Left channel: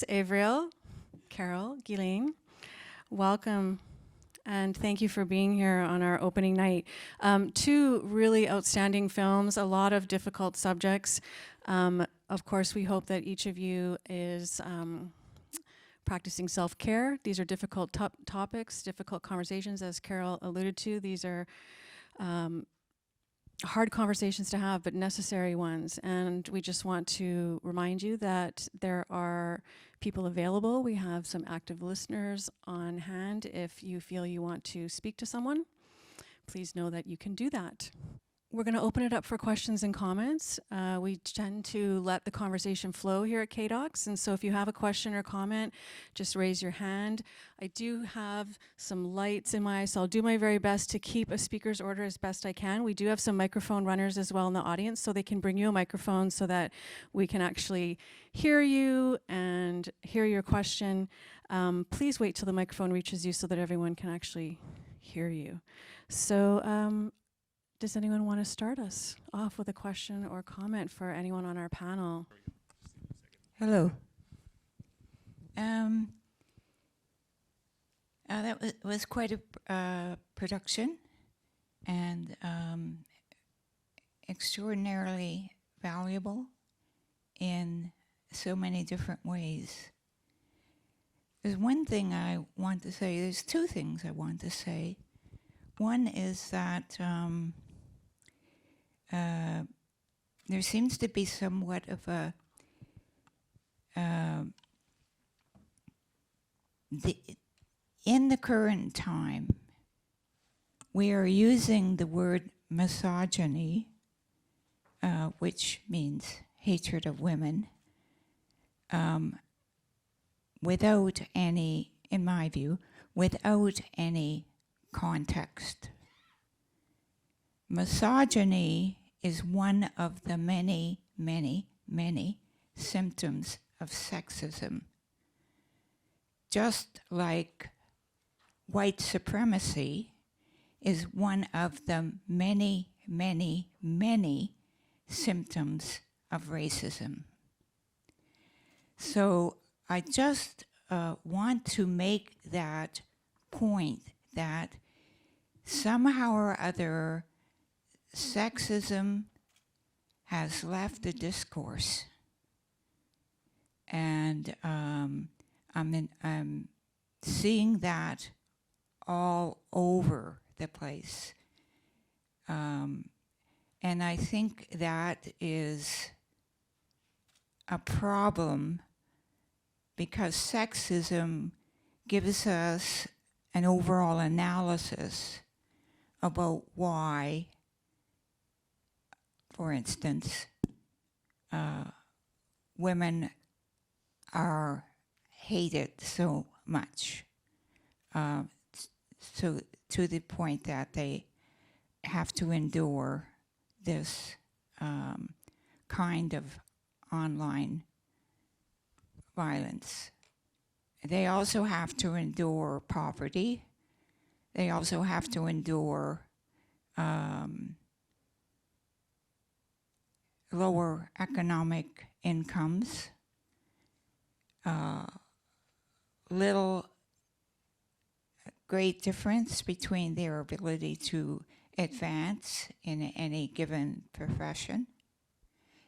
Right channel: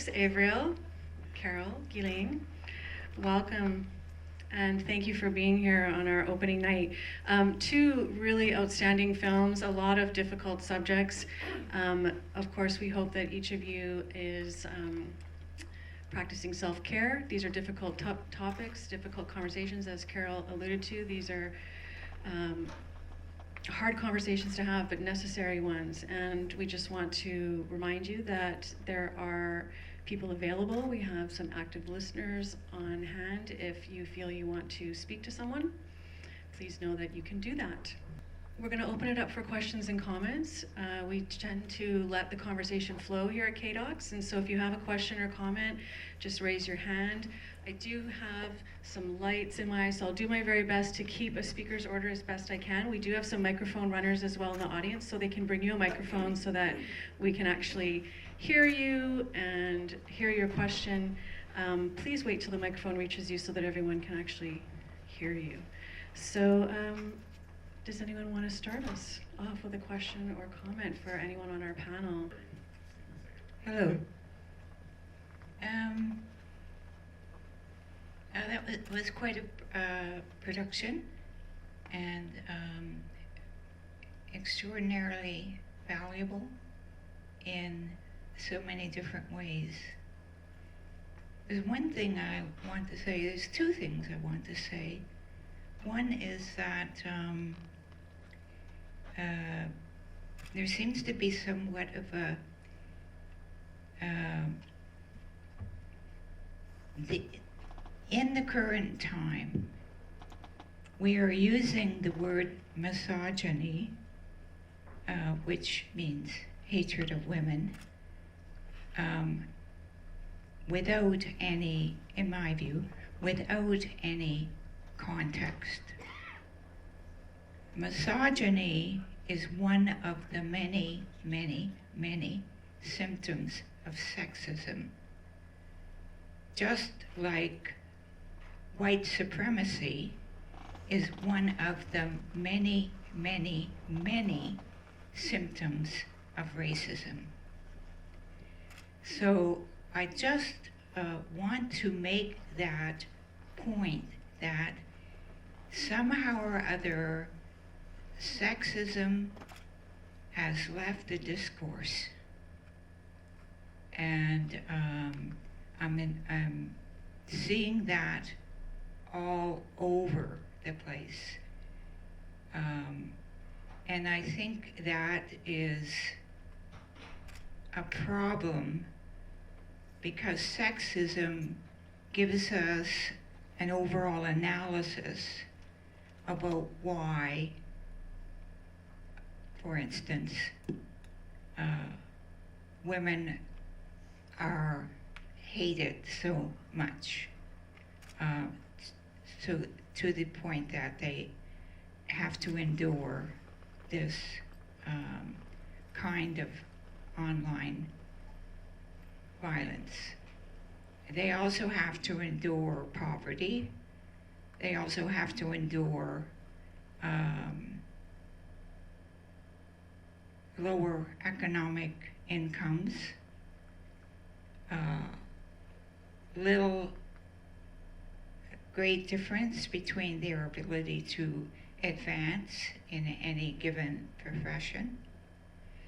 KDocs, Avriel, Carol, Guylaine. Welcome, and thank you for being here on our opening night. Two really outstanding films, a lot of difficult subjects. Of course, we hope that each of you is practicing self-care. These are difficult topics, difficult conversations, as Carol alluded to. These are hard conversations to have, but necessary ones. And we just want to remind you that there are people available. We have some active listeners on hand. If you feel you want to speak to someone, please know that you can do that. We're going to open it up for questions and comments. We tend to let the conversation flow here at KDocs, and so if you have a question or comment, just raise your hand. I do have some lights in my eyes, so I'll do my very best to keep a speaker's order as best I can. We do have some microphone runners as well in the audience, so they can bring you a microphone so that we can actually hear you and hear your question. Please wait till the microphone reaches you so that everyone can actually hear you. So does anyone want to start us off with a question or comment for anyone on our panel? Hello. That was quite a production, and extraordinarily valuable in so many different ways. There's one thing I want to say, there's two things I want to say. One is that there seems to be somewhat of a in the current time, we are using the word misogyny, which means hatred of women, without any, in my view, without any context. Misogyny is one of the many, many, many symptoms of sexism. Just like white supremacy is one of the many, many, many symptoms of racism. So I just want to make that point that somehow or other sexism has left the discourse, and I'm seeing that all over the place. And I think that is a problem because sexism gives us an overall analysis about why, for instance, women are hated so much, so to the point that they have to endure this kind of online violence. They also have to endure poverty. They also have to endure lower economic incomes, little great difference between their ability to advance in any given profession,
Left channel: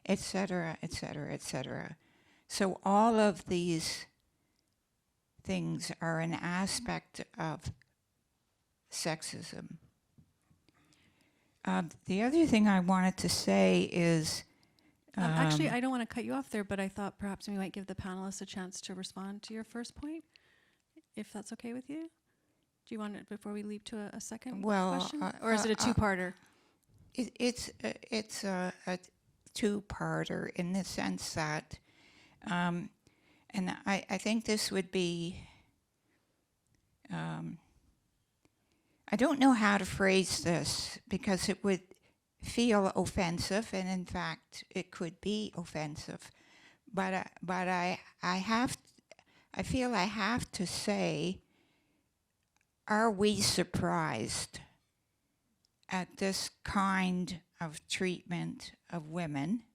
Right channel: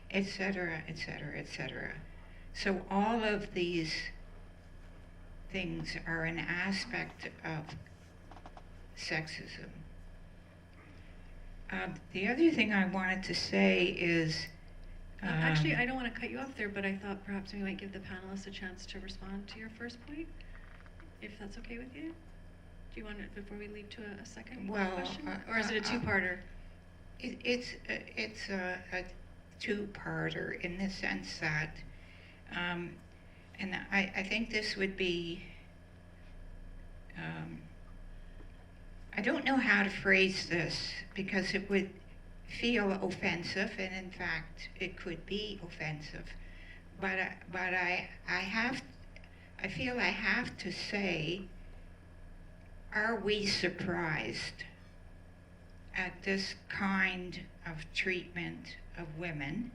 etc., etc., etc. So all of these things are an aspect of sexism. The other thing I wanted to say is actually, I don't want to cut you off there, but I thought perhaps we might give the panelists a chance to respond to your first point, if that's okay with you. Do you want it before we lead to a second question? Or is it a two-parter? It's a two-parter in the sense that, and I think this would be, I don't know how to phrase this because it would feel offensive, and in fact it could be offensive, but I feel I have to say, are we surprised at this kind of treatment of women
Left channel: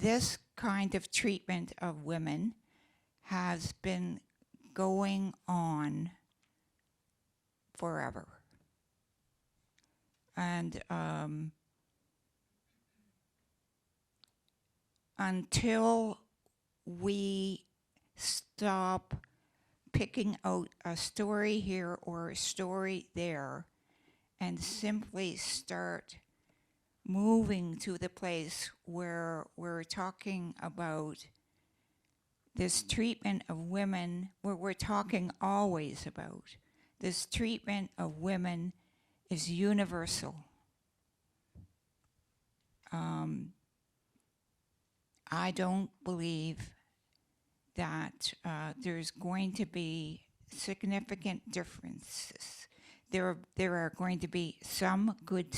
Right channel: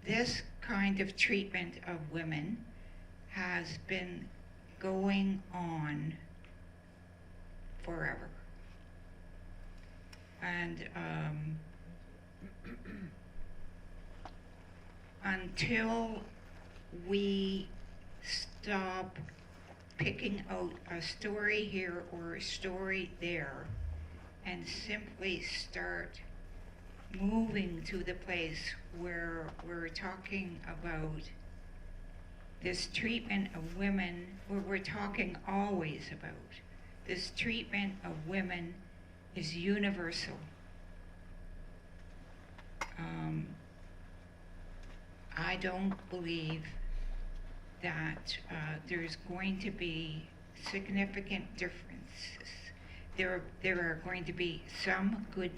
this kind of treatment of women has been going on forever. And until we stop picking out a story here or a story there and simply start moving to the place where we're talking about this treatment of women, where we're talking always about this treatment of women is universal. I don't believe that there's going to be significant differences. There are going to be some good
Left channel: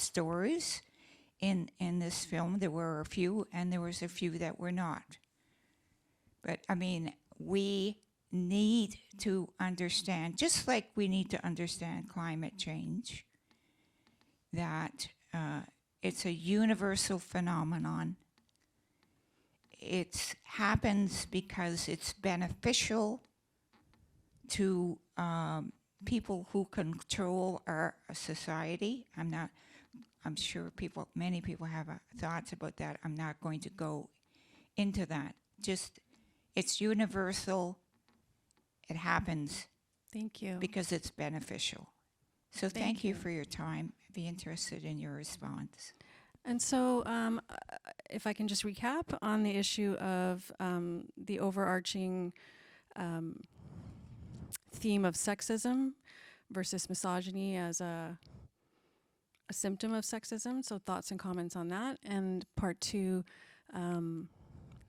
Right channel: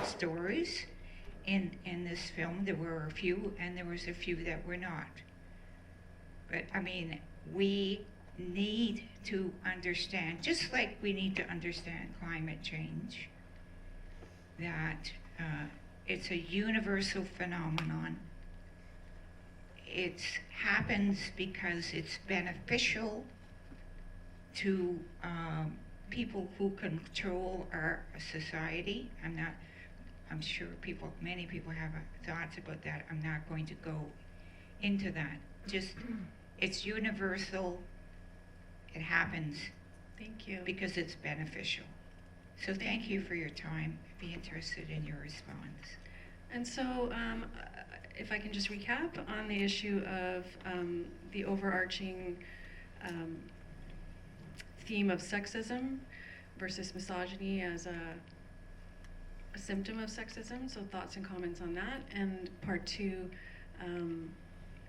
stories in this film. There were a few, and there was a few that were not. But I mean, we need to understand, just like we need to understand climate change, that it's a universal phenomenon. It happens because it's beneficial to people who control our society. I'm sure many people have thoughts about that. I'm not going to go into that. Just, it's universal. It happens. Thank you. Because it's beneficial. So thank you for your time. Be interested in your response. And so, if I can just recap on the issue of the overarching theme of sexism versus misogyny as a symptom of sexism, so thoughts and comments on that, and part two,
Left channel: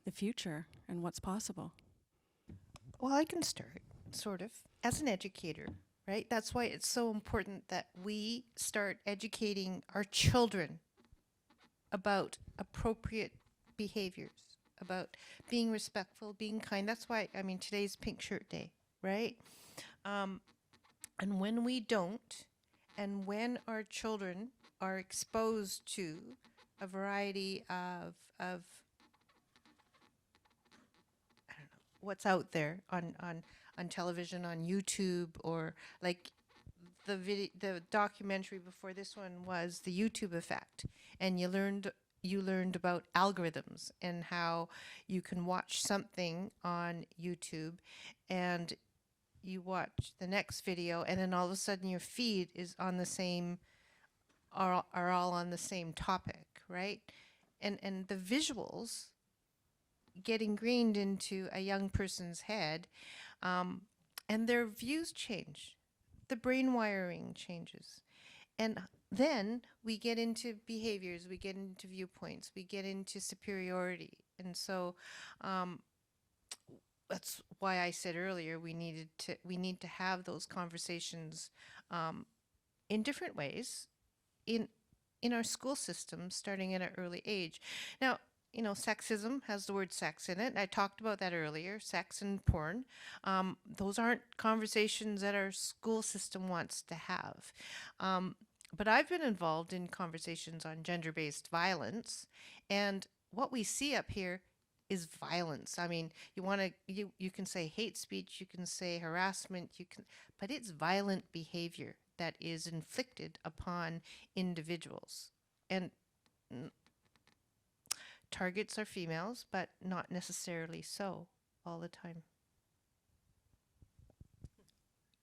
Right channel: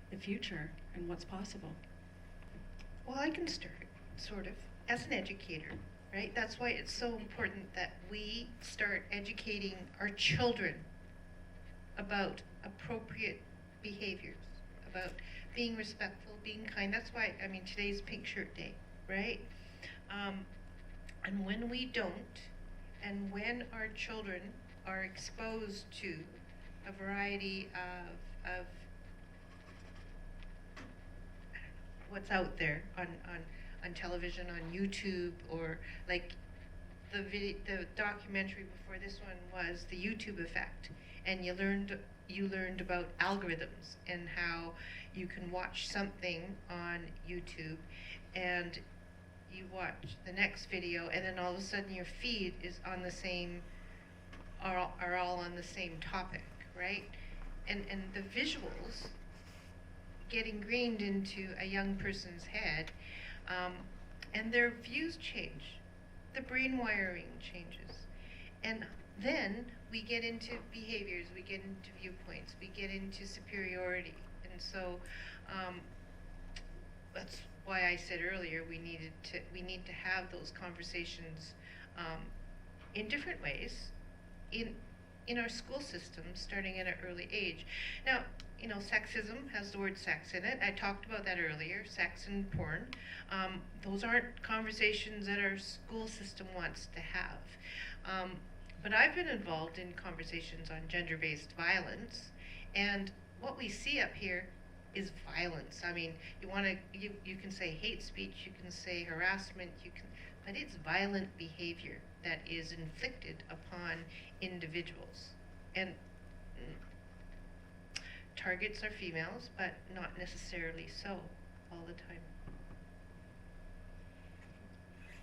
the future and what's possible. Well, I can start, sort of, as an educator, right? That's why it's so important that we start educating our children about appropriate behaviors, about being respectful, being kind. That's why, I mean, today's Pink Shirt Day, right? And when we don't, and when our children are exposed to a variety of what's out there on television, on YouTube, or like the documentary before this one was the YouTube effect, and you learned about algorithms and how you can watch something on YouTube and you watch the next video, and then all of a sudden your feed is on the same, are all on the same topic, right? And the visuals get ingrained into a young person's head, and their views change. The brain wiring changes. And then we get into behaviors, we get into viewpoints, we get into superiority. And so that's why I said earlier we need to have those conversations in different ways in our school system, starting at an early age. Now, you know, sexism has the word sex in it. I talked about that earlier, sex and porn. Those aren't conversations that our school system wants to have. But I've been involved in conversations on gender-based violence, and what we see up here is violence. I mean, you can say hate speech, you can say harassment, but it's violent behavior that is inflicted upon individuals. And targets are females, but not necessarily so all the time.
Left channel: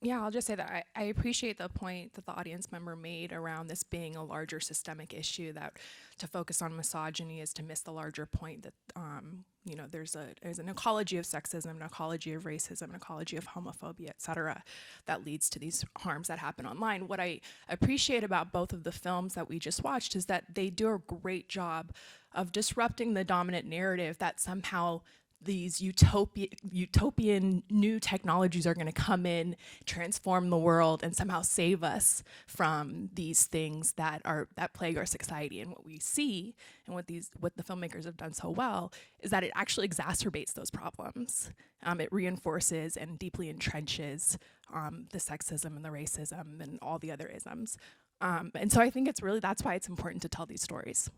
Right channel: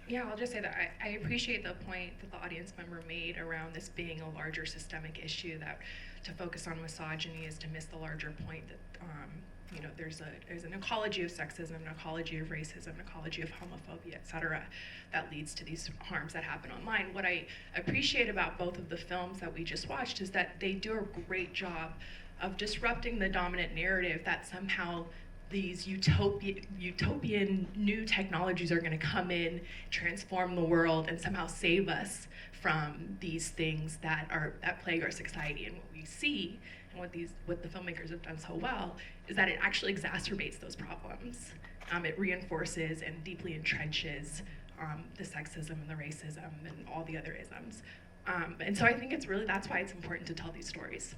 Yeah, I'll just say that I appreciate the point that the audience member made around this being a larger systemic issue, that to focus on misogyny is to miss the larger point that you know, there's an ecology of sexism, an ecology of racism, an ecology of homophobia, et cetera, that leads to these harms that happen online. What I appreciate about both of the films that we just watched is that they do a great job of disrupting the dominant narrative that somehow these utopian new technologies are going to come in, transform the world, and somehow save us from these things that plague our society. And what we see, and what the filmmakers have done so well, is that it actually exacerbates those problems. It reinforces and deeply entrenches the sexism and the racism and all the other isms. And so I think that's why it's important to tell these stories.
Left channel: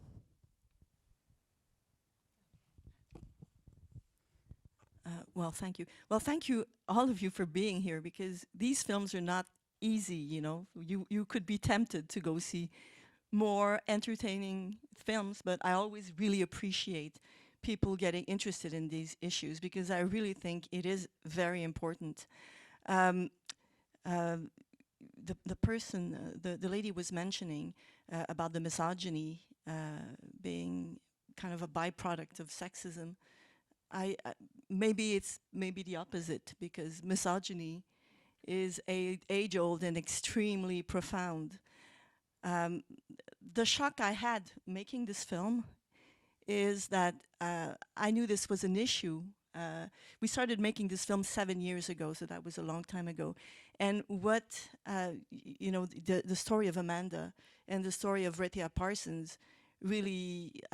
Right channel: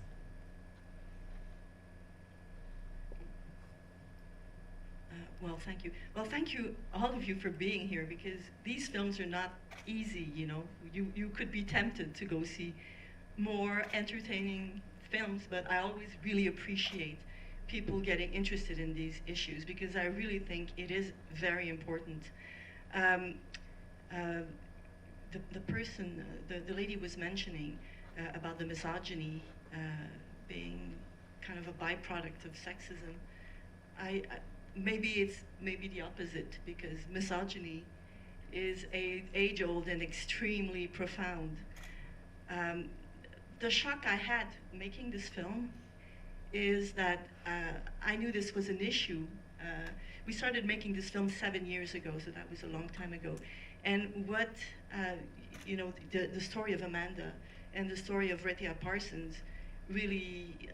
Well, thank you. Well, thank you, all of you, for being here, because these films are not easy, you know. You could be tempted to go see more entertaining films, but I always really appreciate people getting interested in these issues, because I really think it is very important. The person, the lady was mentioning about the misogyny being kind of a byproduct of sexism. Maybe it's the opposite, because misogyny is age-old and extremely profound. The shock I had making this film is that I knew this was an issue. We started making this film 7 years ago, so that was a long time ago. And what, the story of Amanda and the story of Rehtaeh Parsons really,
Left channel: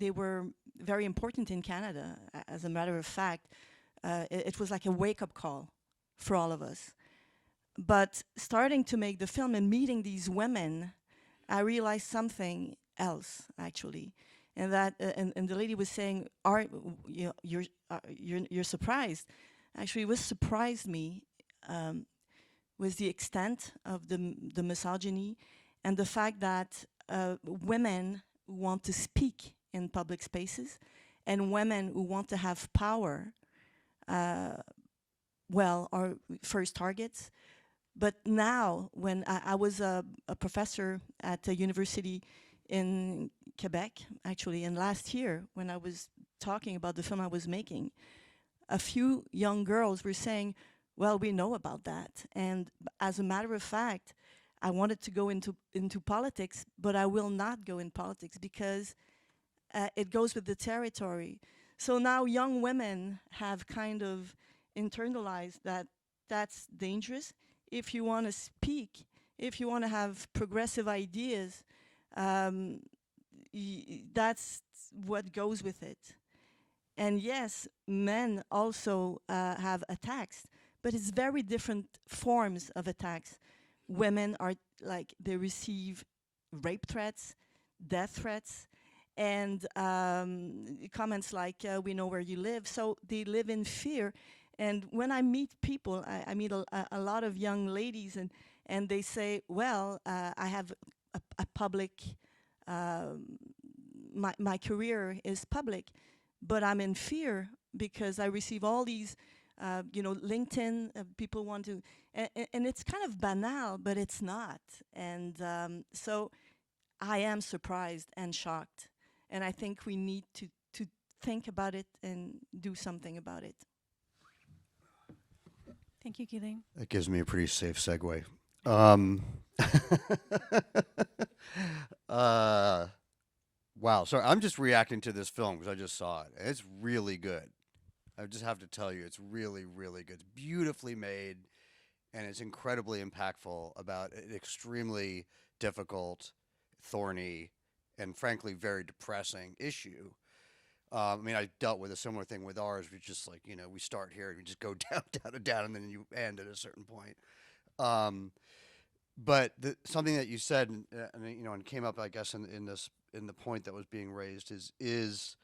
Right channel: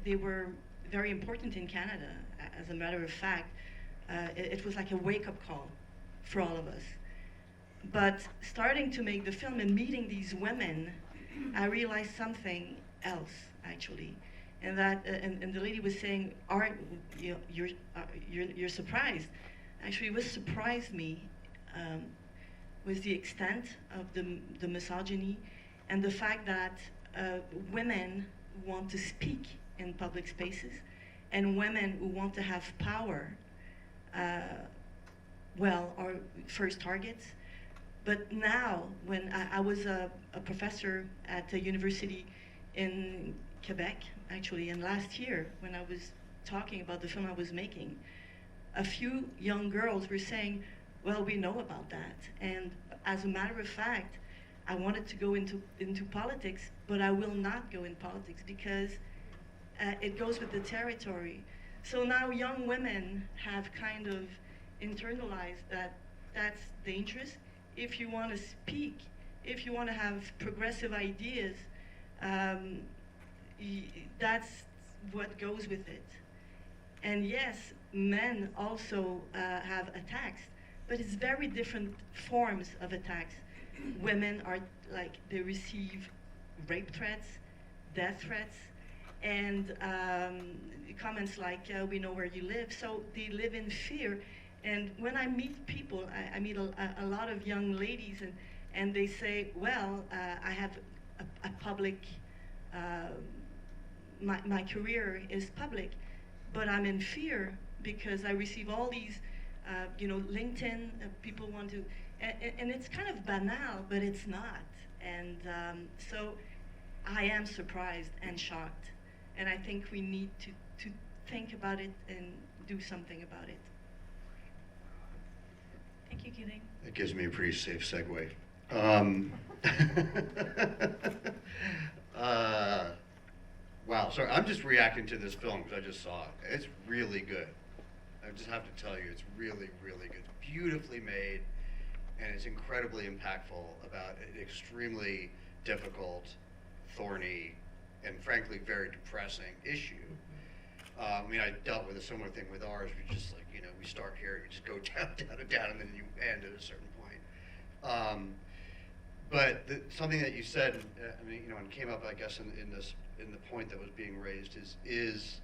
they were very important in Canada. As a matter of fact, it was like a wake-up call for all of us. But starting to make the film and meeting these women, I realized something else, actually. And that, and the lady was saying, you're surprised. Actually, what surprised me was the extent of the misogyny and the fact that women want to speak in public spaces, and women who want to have power, are first targets. But now, when I was a professor at a university in Quebec, actually, and last year, when I was talking about the film I was making, a few young girls were saying, well, we know about that. And as a matter of fact, I wanted to go into politics, but I will not go in politics because it goes with the territory. So now young women have kind of internalized that that's dangerous. If you want to speak, if you want to have progressive ideas, that's what goes with it. And yes, men also have attacks, but it's very different forms of attacks. Women are like, they receive rape threats, death threats, and comments like, we know where you live. So they live in fear. And when I meet people, I meet a lot of young ladies, and they say, well, I have a public, my career is public, but I'm in fear because I receive all these, LinkedIn, people want to, and it's kind of banal, but it's not. And so I am surprised and shocked. And I think we need to think about it and do something about it. Thank you, Guylaine. That gives me a pretty safe segue. Wow, sorry, I'm just reacting to this film because I just saw it. It's really good. I just have to tell you, it's really, really good. Beautifully made, and it's incredibly impactful about an extremely difficult, thorny, and frankly very depressing issue. I dealt with a similar thing with ours. You're just like, we start here, you just go down, and then you end at a certain point. But something that you said, and came up, I guess, in the point that was being raised is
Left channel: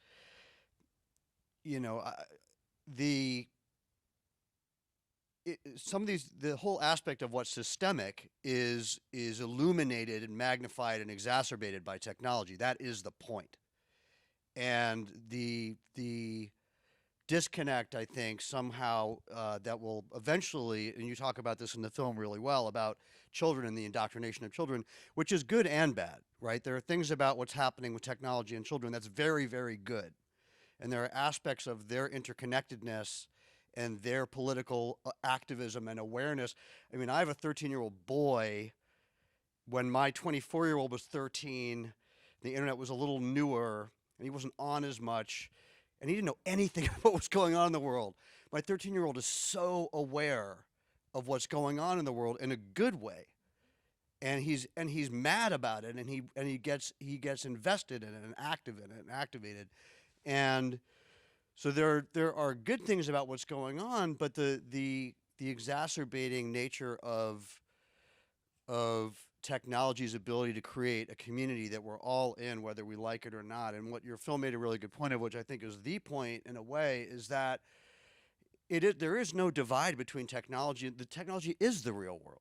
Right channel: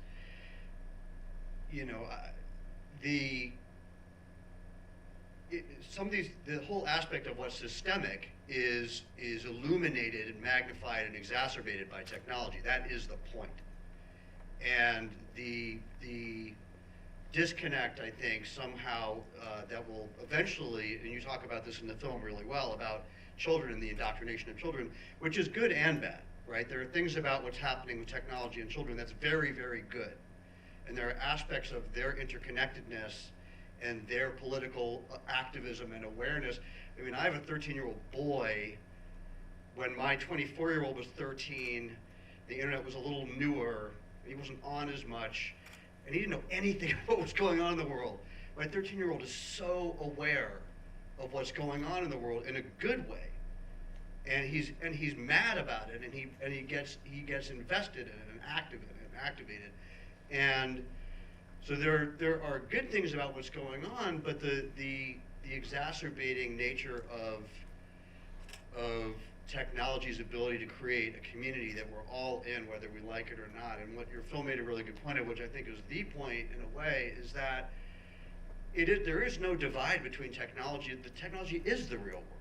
the whole aspect of what's systemic is illuminated and magnified and exacerbated by technology. That is the point. And the disconnect, I think, somehow that will eventually, and you talk about this in the film really well, about children and the indoctrination of children, which is good and bad, right? There are things about what's happening with technology and children that's very, very good. And there are aspects of their interconnectedness and their political activism and awareness. I have a 13-year-old boy. When my 24-year-old was 13, the internet was a little newer, and he wasn't on as much, and he didn't know anything about what was going on in the world. My 13-year-old is so aware of what's going on in the world in a good way, and he's mad about it, and he gets invested in it and activated, and so there are good things about what's going on, but the exacerbating nature of technology's ability to create a community that we're all in, whether we like it or not. And what your film made a really good point of, which I think is the point in a way, is that there is no divide between technology. The technology is the real world.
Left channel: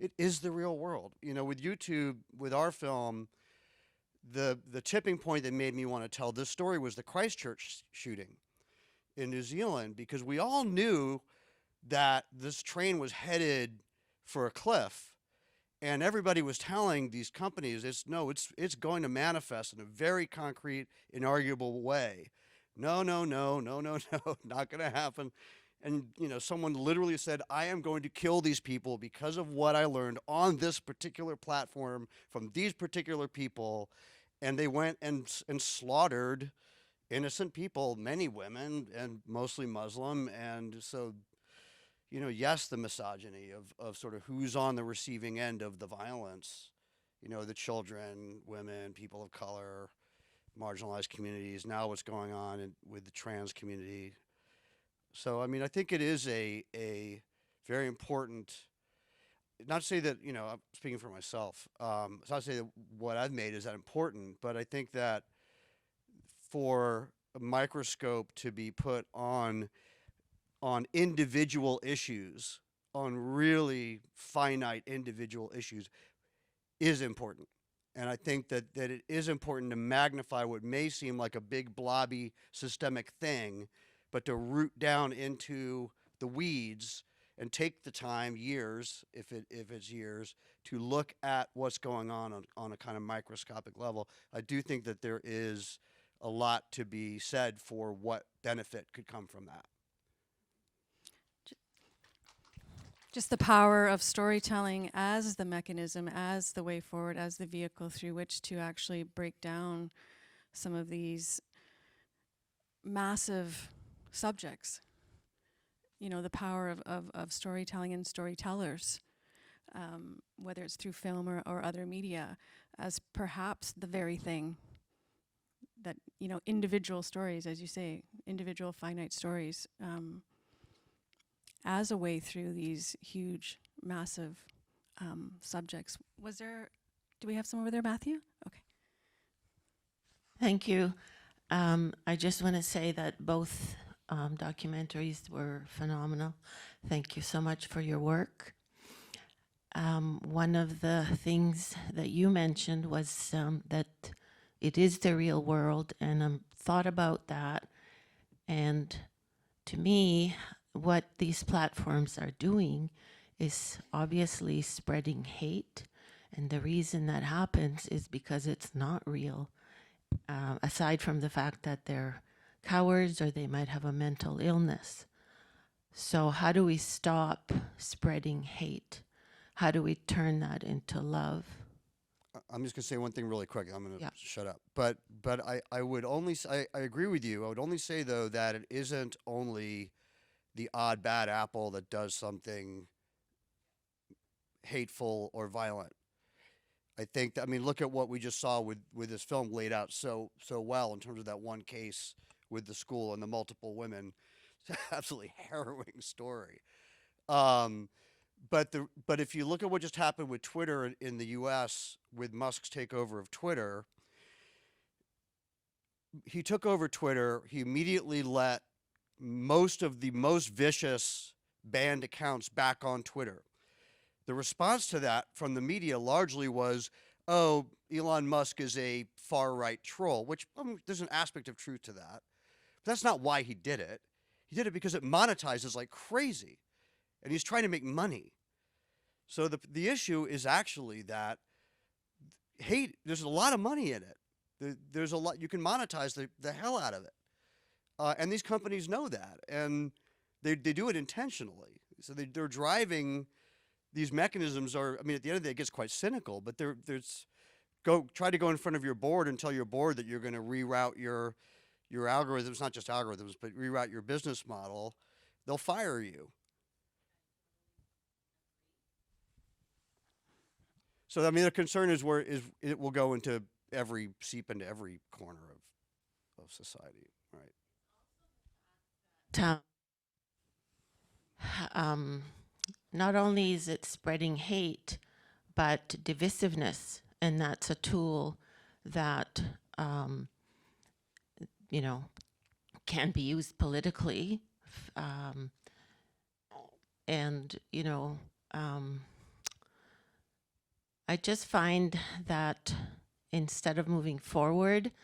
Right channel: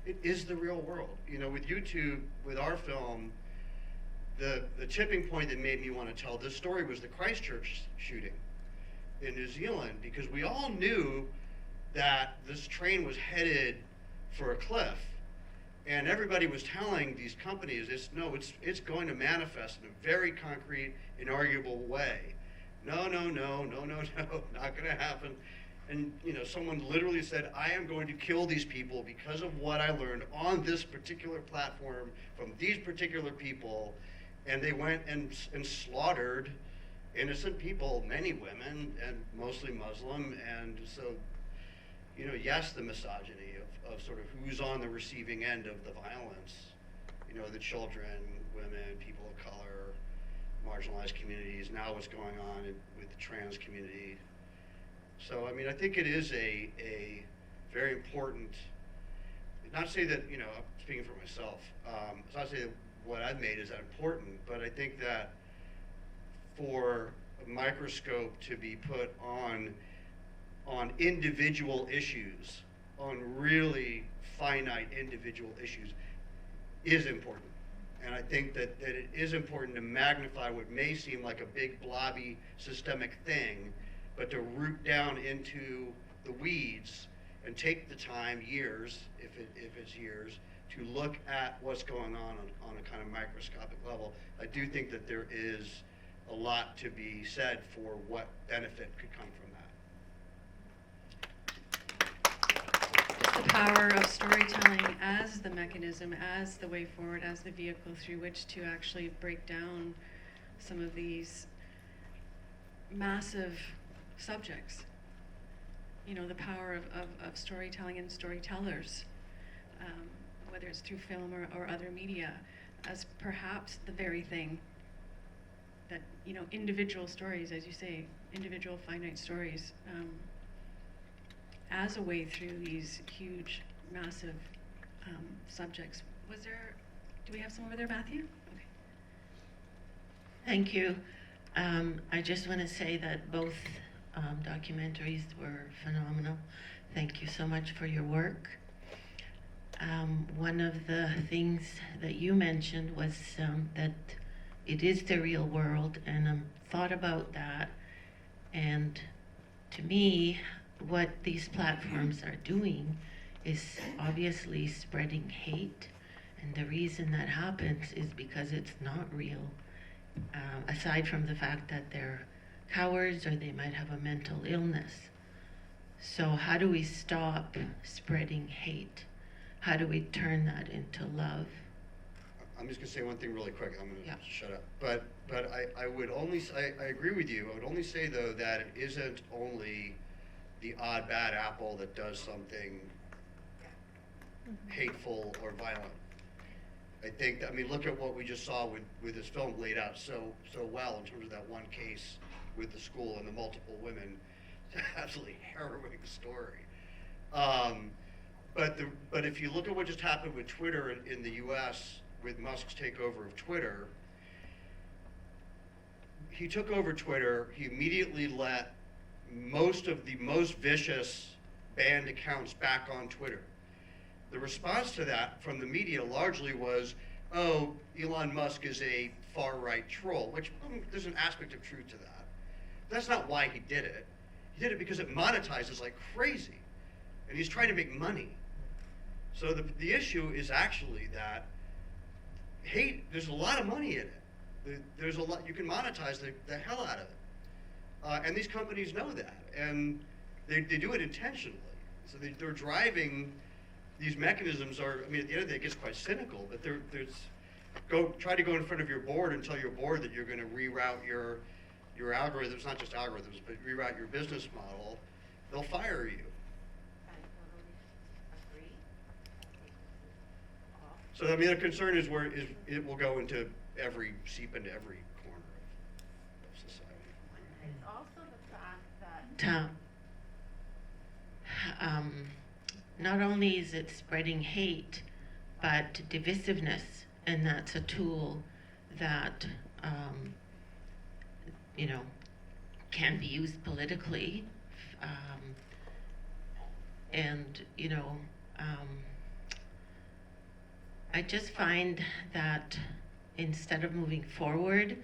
It is the real world. You know, with YouTube, with our film, the tipping point that made me want to tell this story was the Christchurch shooting in New Zealand, because we all knew that this train was headed for a cliff, and everybody was telling these companies, it's going to manifest in a very concrete, inarguable way. No, not going to happen. And you know, someone literally said, I am going to kill these people because of what I learned on this particular platform from these particular people. And they went and slaughtered innocent people, many women, and mostly Muslim. And so, you know, yes, the misogyny of sort of who's on the receiving end of the violence, you know, the children, women, people of color, marginalized communities, now what's going on with the trans community. So, I mean, I think it is a very important, not to say that, you know, I'm speaking for myself, it's not to say that what I've made is that important, but I think that for a microscope to be put on individual issues, on really finite individual issues, is important. And I think that it is important to magnify what may seem like a big blobby systemic thing, but to root down into the weeds and take the time, years, if it's years, to look at what's going on a kind of microscopic level. I do think that there is a lot to be said for what benefit could come from that. Just the power of storytelling as the mechanism, as the way forward, as the vehicle through which to actually break down some of these massive subjects. You know, the power of storytelling and storytellers, whether it's through film or other media, as perhaps the very thing that, you know, individual stories, as you say, individual finite stories, as a way through these huge, massive subjects. Do we have some over there, Matthew? Okay. Thank you. I just want to say that both documentaries were phenomenal. Thank you so much for your work. One of the things that you mentioned was that it is the real world, and I thought about that. And to me, what these platforms are doing is obviously spreading hate. And the reason that happens is because it's not real. Aside from the fact that they're cowards or they might have a mental illness. So how do we stop spreading hate? How do we turn that into love? I'm just going to say one thing really quick. I'm going to shut up. But I would only, I agree with you. I would only say, though, that it isn't only the odd bad apple that does something hateful or violent. I think, look at what we just saw with this film laid out so well in terms of that one case with the school and the multiple women. It's an absolutely harrowing story. But if you look at what just happened with Twitter in the U.S. with Musk's takeover of Twitter, he took over Twitter. He immediately let most of the most vicious banned accounts back on Twitter. The response to that from the media largely was, oh, Elon Musk is a far-right troll, which there's an aspect of truth to that. That's not why he did it. He did it because it monetizes like crazy, and he's trying to make money. So the issue is actually that hate, there's a lot of money in it. There's a lot, you can monetize the hell out of it. And these companies know that, and they do it intentionally. So they're driving. These mechanisms are, at the end of the day, it gets quite cynical, but try to go in front of your board and tell your board that you're going to reroute your algorithms, not just algorithms, but reroute your business model. They'll fire you. So the concern is where it will go into seep into every corner of society. It's also the fact that not only is it spreading hate, but divisiveness, and that's a tool that can be used politically. And, I just find that instead of moving forward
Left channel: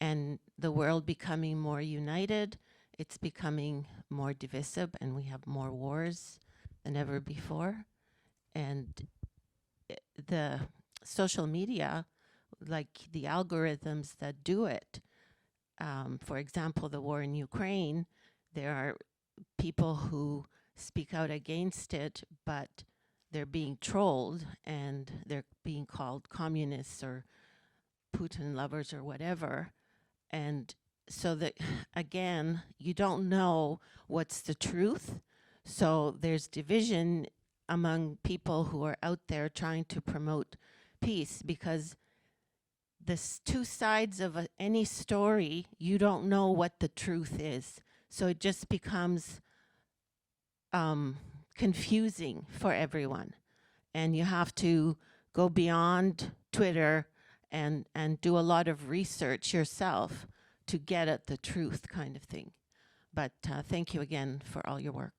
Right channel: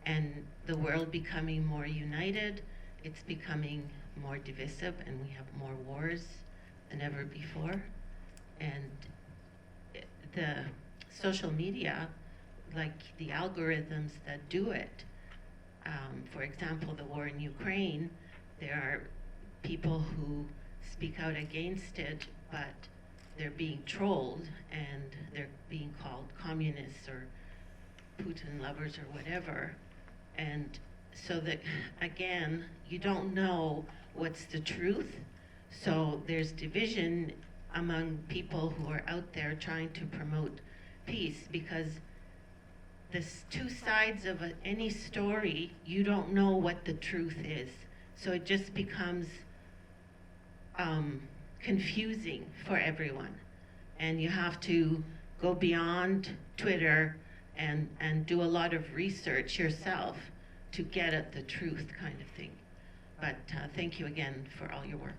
and the world becoming more united, it's becoming more divisive, and we have more wars than ever before. And the social media, like the algorithms that do it, for example, the war in Ukraine, there are people who speak out against it, but they're being trolled and they're being called communists or Putin lovers or whatever. And so that, again, you don't know what's the truth. So there's division among people who are out there trying to promote peace, because there's two sides of any story. You don't know what the truth is. So it just becomes confusing for everyone. And you have to go beyond Twitter and do a lot of research yourself to get at the truth, kind of thing. But thank you again for all your work.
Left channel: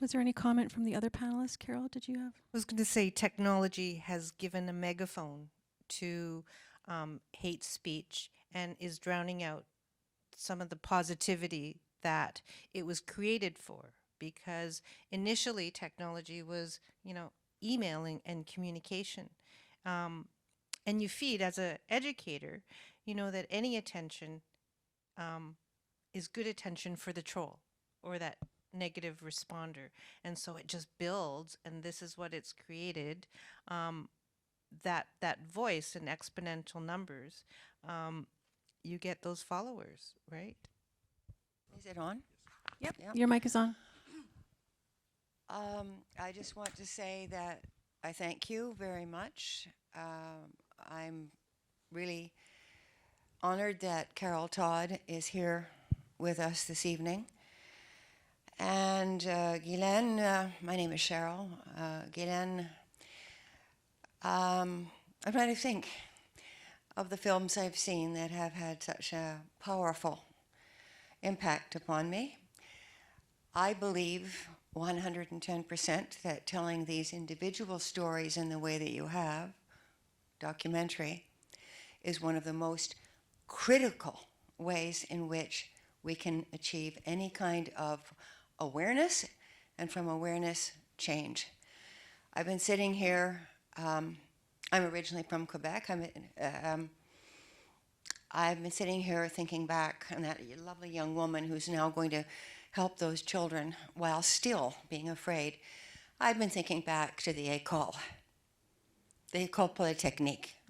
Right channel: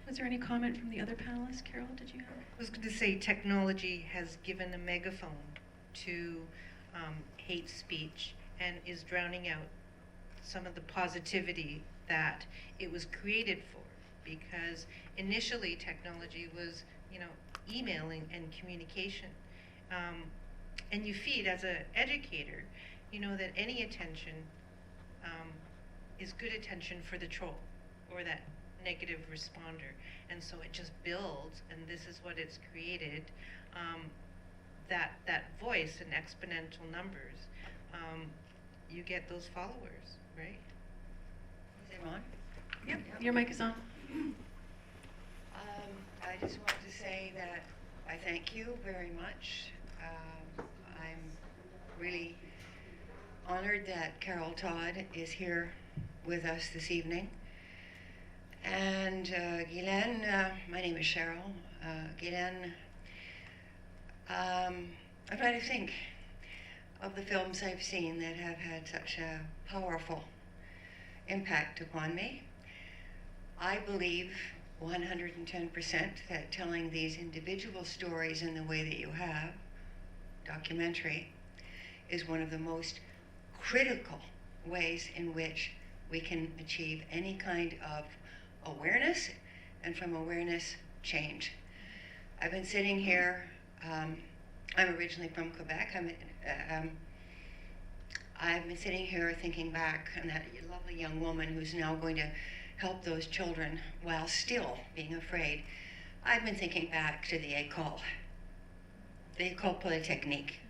Was there any comment from the other panelists? Carol, did you have? I was going to say technology has given a megaphone to hate speech and is drowning out some of the positivity that it was created for. Because initially technology was, email and communication. And you feed, as an educator, that any attention is good attention for the troll or that negative responder. And so it just builds, and this is what it's created, that voice in exponential numbers. You get those followers, right? Is it on? Yeah. Your mic is on. I just want to say that I thank you very much. I'm really honored that Carol Todd is here with us this evening. And Guylaine, my name is Cheryl. Guylaine, I'm trying to think of the films I've seen that have had such a powerful impact upon me. I believe 110% that telling these individual stories in the way that you have, documentary, is one of the most critical ways in which we can achieve any kind of awareness, and from awareness, change. I've been sitting here, I'm originally from Quebec. I've been sitting here thinking back on that lovely young woman who's now going to help those children while still being afraid. I've been thinking back to the école polytechnique.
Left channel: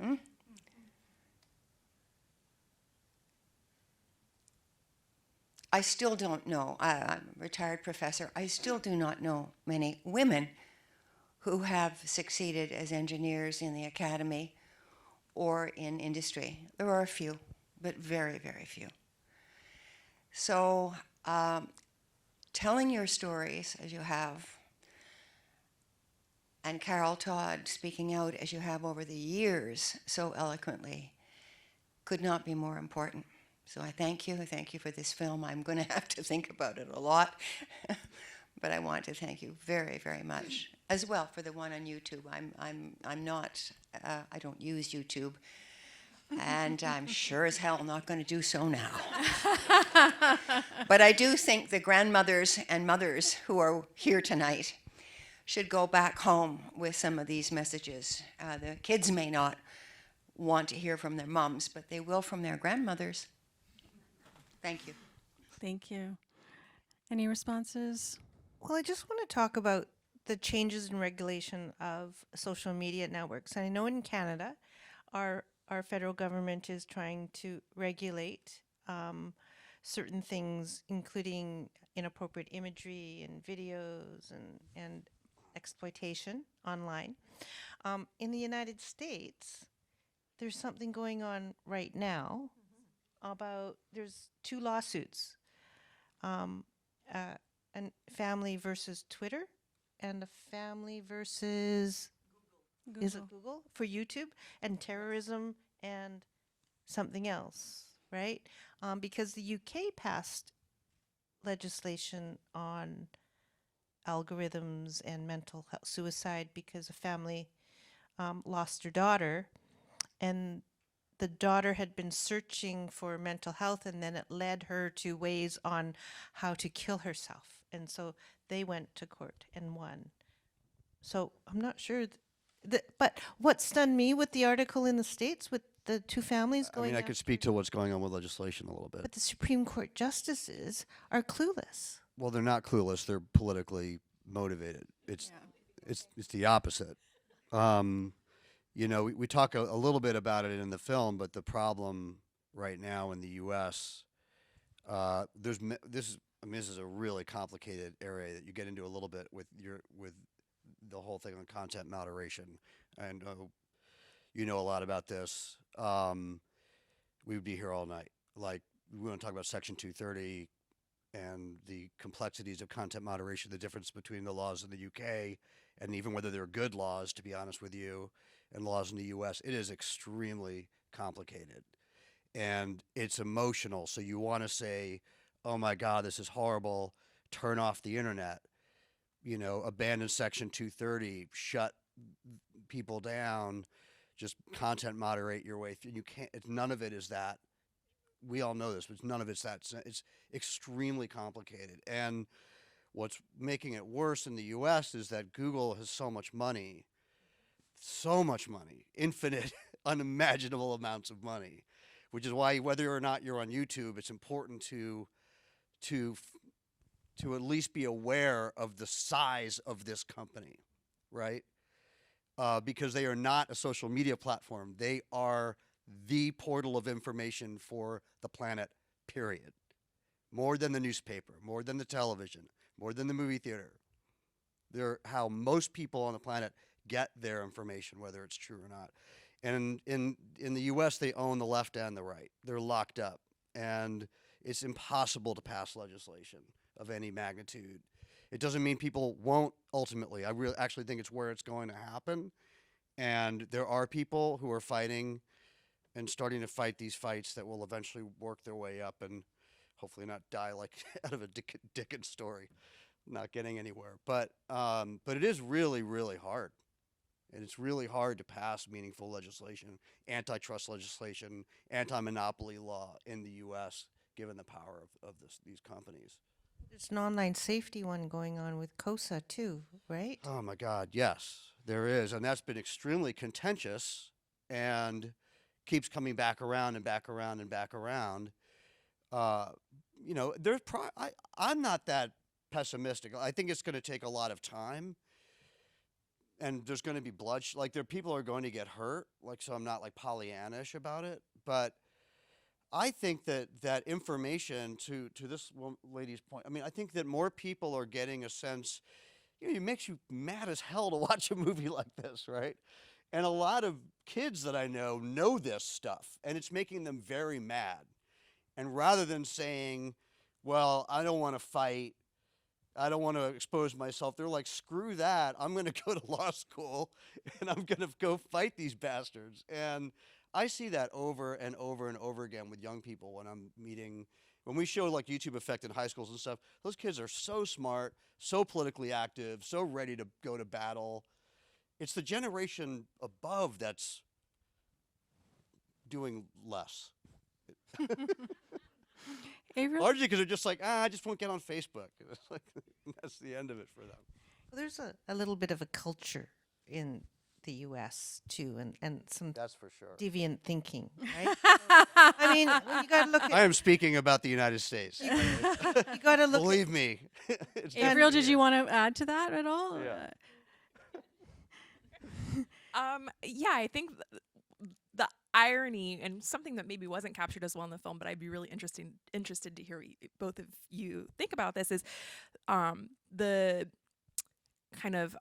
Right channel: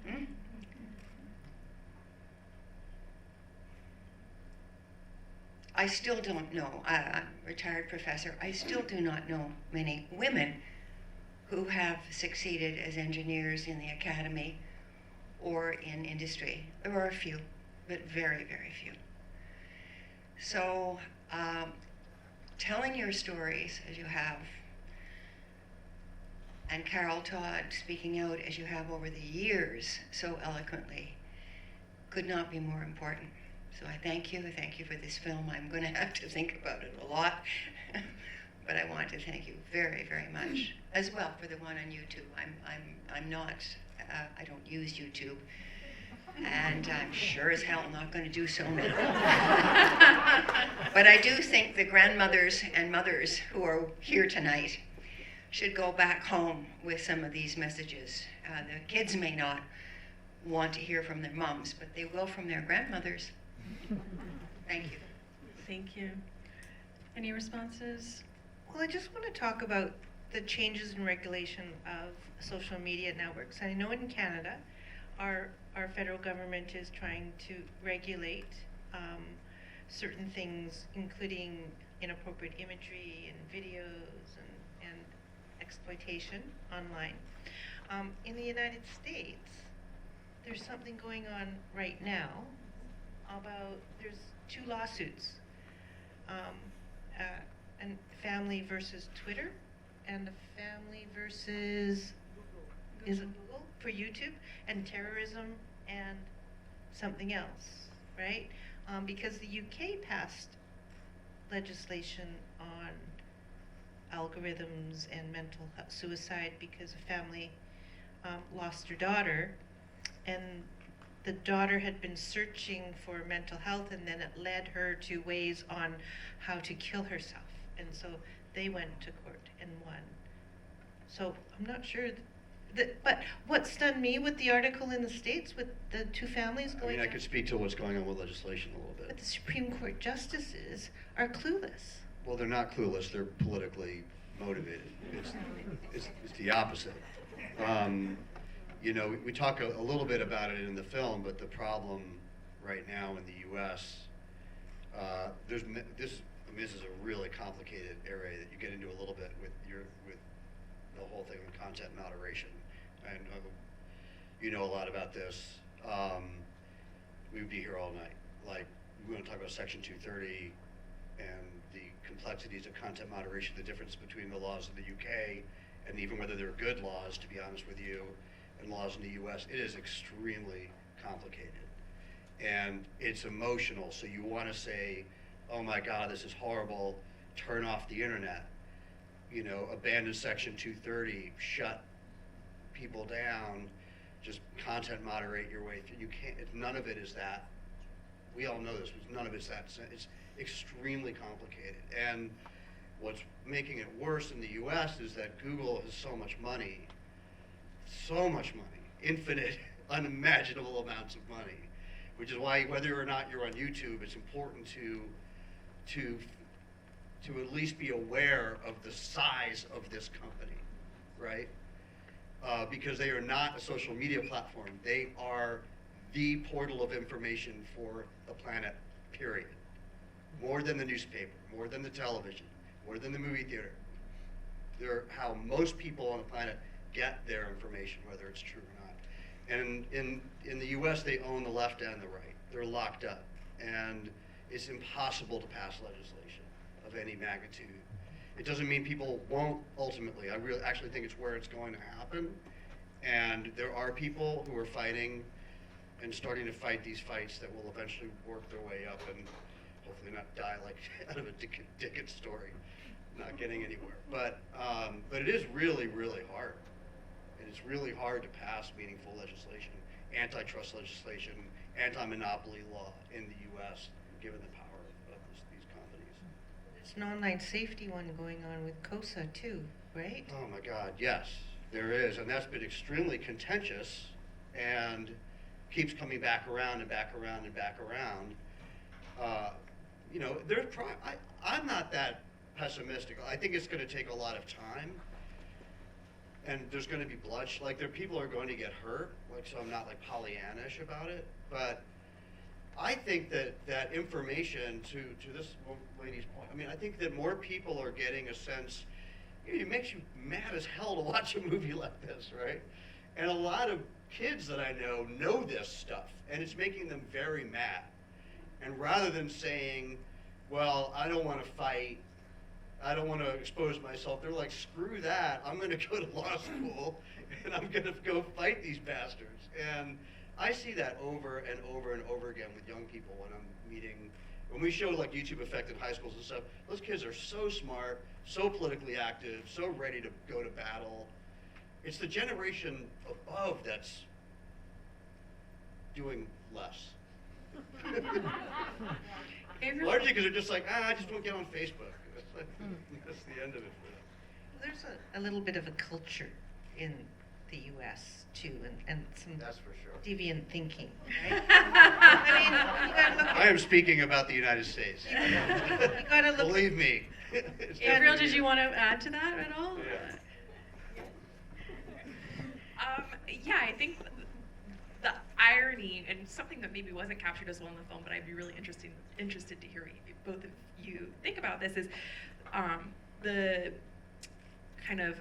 I still don't know, I'm a retired professor, I still do not know many women who have succeeded as engineers in the academy or in industry. There are a few, but very, very few. So, telling your stories as you have, and Carol Todd speaking out as you have over the years so eloquently, could not be more important. So I thank you for this film. I'm going to have to think about it a lot, but I want to thank you very, very much, as well for the one on YouTube. I'm not, I don't use YouTube, and I'm sure as hell not going to do so now. But I do think the grandmothers and mothers who are here tonight should go back home with some of these messages. The kids may not want to hear from their moms, but they will from their grandmothers. Thank you. Thank you. Any responses? Well, I just want to talk about the changes in regulation of social media networks. I know in Canada, our federal government is trying to regulate certain things, including inappropriate imagery and videos and exploitation online. In the United States, there's something going on right now about, there's 2 lawsuits, and family versus Twitter, and the family versus is it Google for YouTube, and terrorism and something else, right? Because the UK passed legislation on algorithms and mental health, suicide because a family lost their daughter, and the daughter had been searching for mental health, and then it led her to ways on how to kill herself, and so they went to court and won. So I'm not sure. But what stunned me with the article in the States with the two families I going mean, I on, could speak to what's going on with legislation a little but bit. the Supreme Court justices are clueless. Well, they're not clueless. They're politically motivated. It's the opposite. You know, we talk a little bit about it in the film, but the problem right now in the U.S. This is a really complicated area that you get into a little bit with the whole thing with content moderation, and you know a lot about this. We would be here all night. Like, we want to talk about Section 230 and the complexities of content moderation, the difference between the laws in the UK and even whether they're good laws, to be honest with you, and laws in the US. It is extremely complicated. And it's emotional, so you want to say, oh my God, this is horrible, turn off the internet, you know, abandon Section 230, shut people down, just content moderate your way through. You can't, none of it is that. We all know this, but none of it's that. It's extremely complicated. And what's making it worse in the US is that Google has so much money, infinite, unimaginable amounts of money, which is why whether or not you're on YouTube, it's important to at least be aware of the size of this company, right? Because they are not a social media platform. They are the portal of information for the planet, period. More than the newspaper, more than the television, more than the movie theater. They're how most people on the planet get their information, whether it's true or not. And in the US, they own the left and the right. They're locked up. And it's impossible to pass legislation of any magnitude. It doesn't mean people won't ultimately. I actually think it's where it's going to happen. And there are people who are fighting and starting to fight these fights that will eventually work their way up and hopefully not die like out of a Dickens story, not getting anywhere. But it is really, really hard. It's really hard to pass meaningful legislation, antitrust legislation, anti-monopoly law in the U.S., given the power of these companies. There's an online safety one going on with COSA too, right? Oh my God, yes, there is, and that's been extremely contentious, and keeps coming back around and back around and back around. You know, I'm not that pessimistic. I think it's going to take a lot of time, and there's going to be bloodshed. Like, people are going to get hurt. Like, so I'm not like Pollyannish about it, but I think that information to this lady's point. I mean, I think that more people are getting a sense. You know, it makes you mad as hell to watch a movie like this, right? And a lot of kids that I know this stuff, and it's making them very mad. And rather than saying, well, I don't want to fight, I don't want to expose myself, they're like, screw that, I'm going to go to law school, and I'm going to go fight these bastards. And I see that over and over and over again with young people when I'm meeting, when we show like YouTube Effect in high schools and stuff, those kids are so smart, so politically active, so ready to go to battle. It's the generation above that's doing less. Largely because they're just like, I just won't get on Facebook. That's the end of it for them. There's a little bit of a culture in the U.S. too, and some That's for sure. deviant thinking. Right? I mean, you gotta look I am speaking about the United States. you gotta look. Believe me. Avriel, did you want to add to that at all? Yeah, I think the irony, and something that maybe wasn't captured as well in the film, but I'd be really interested to hear both of you think about this, is the kind of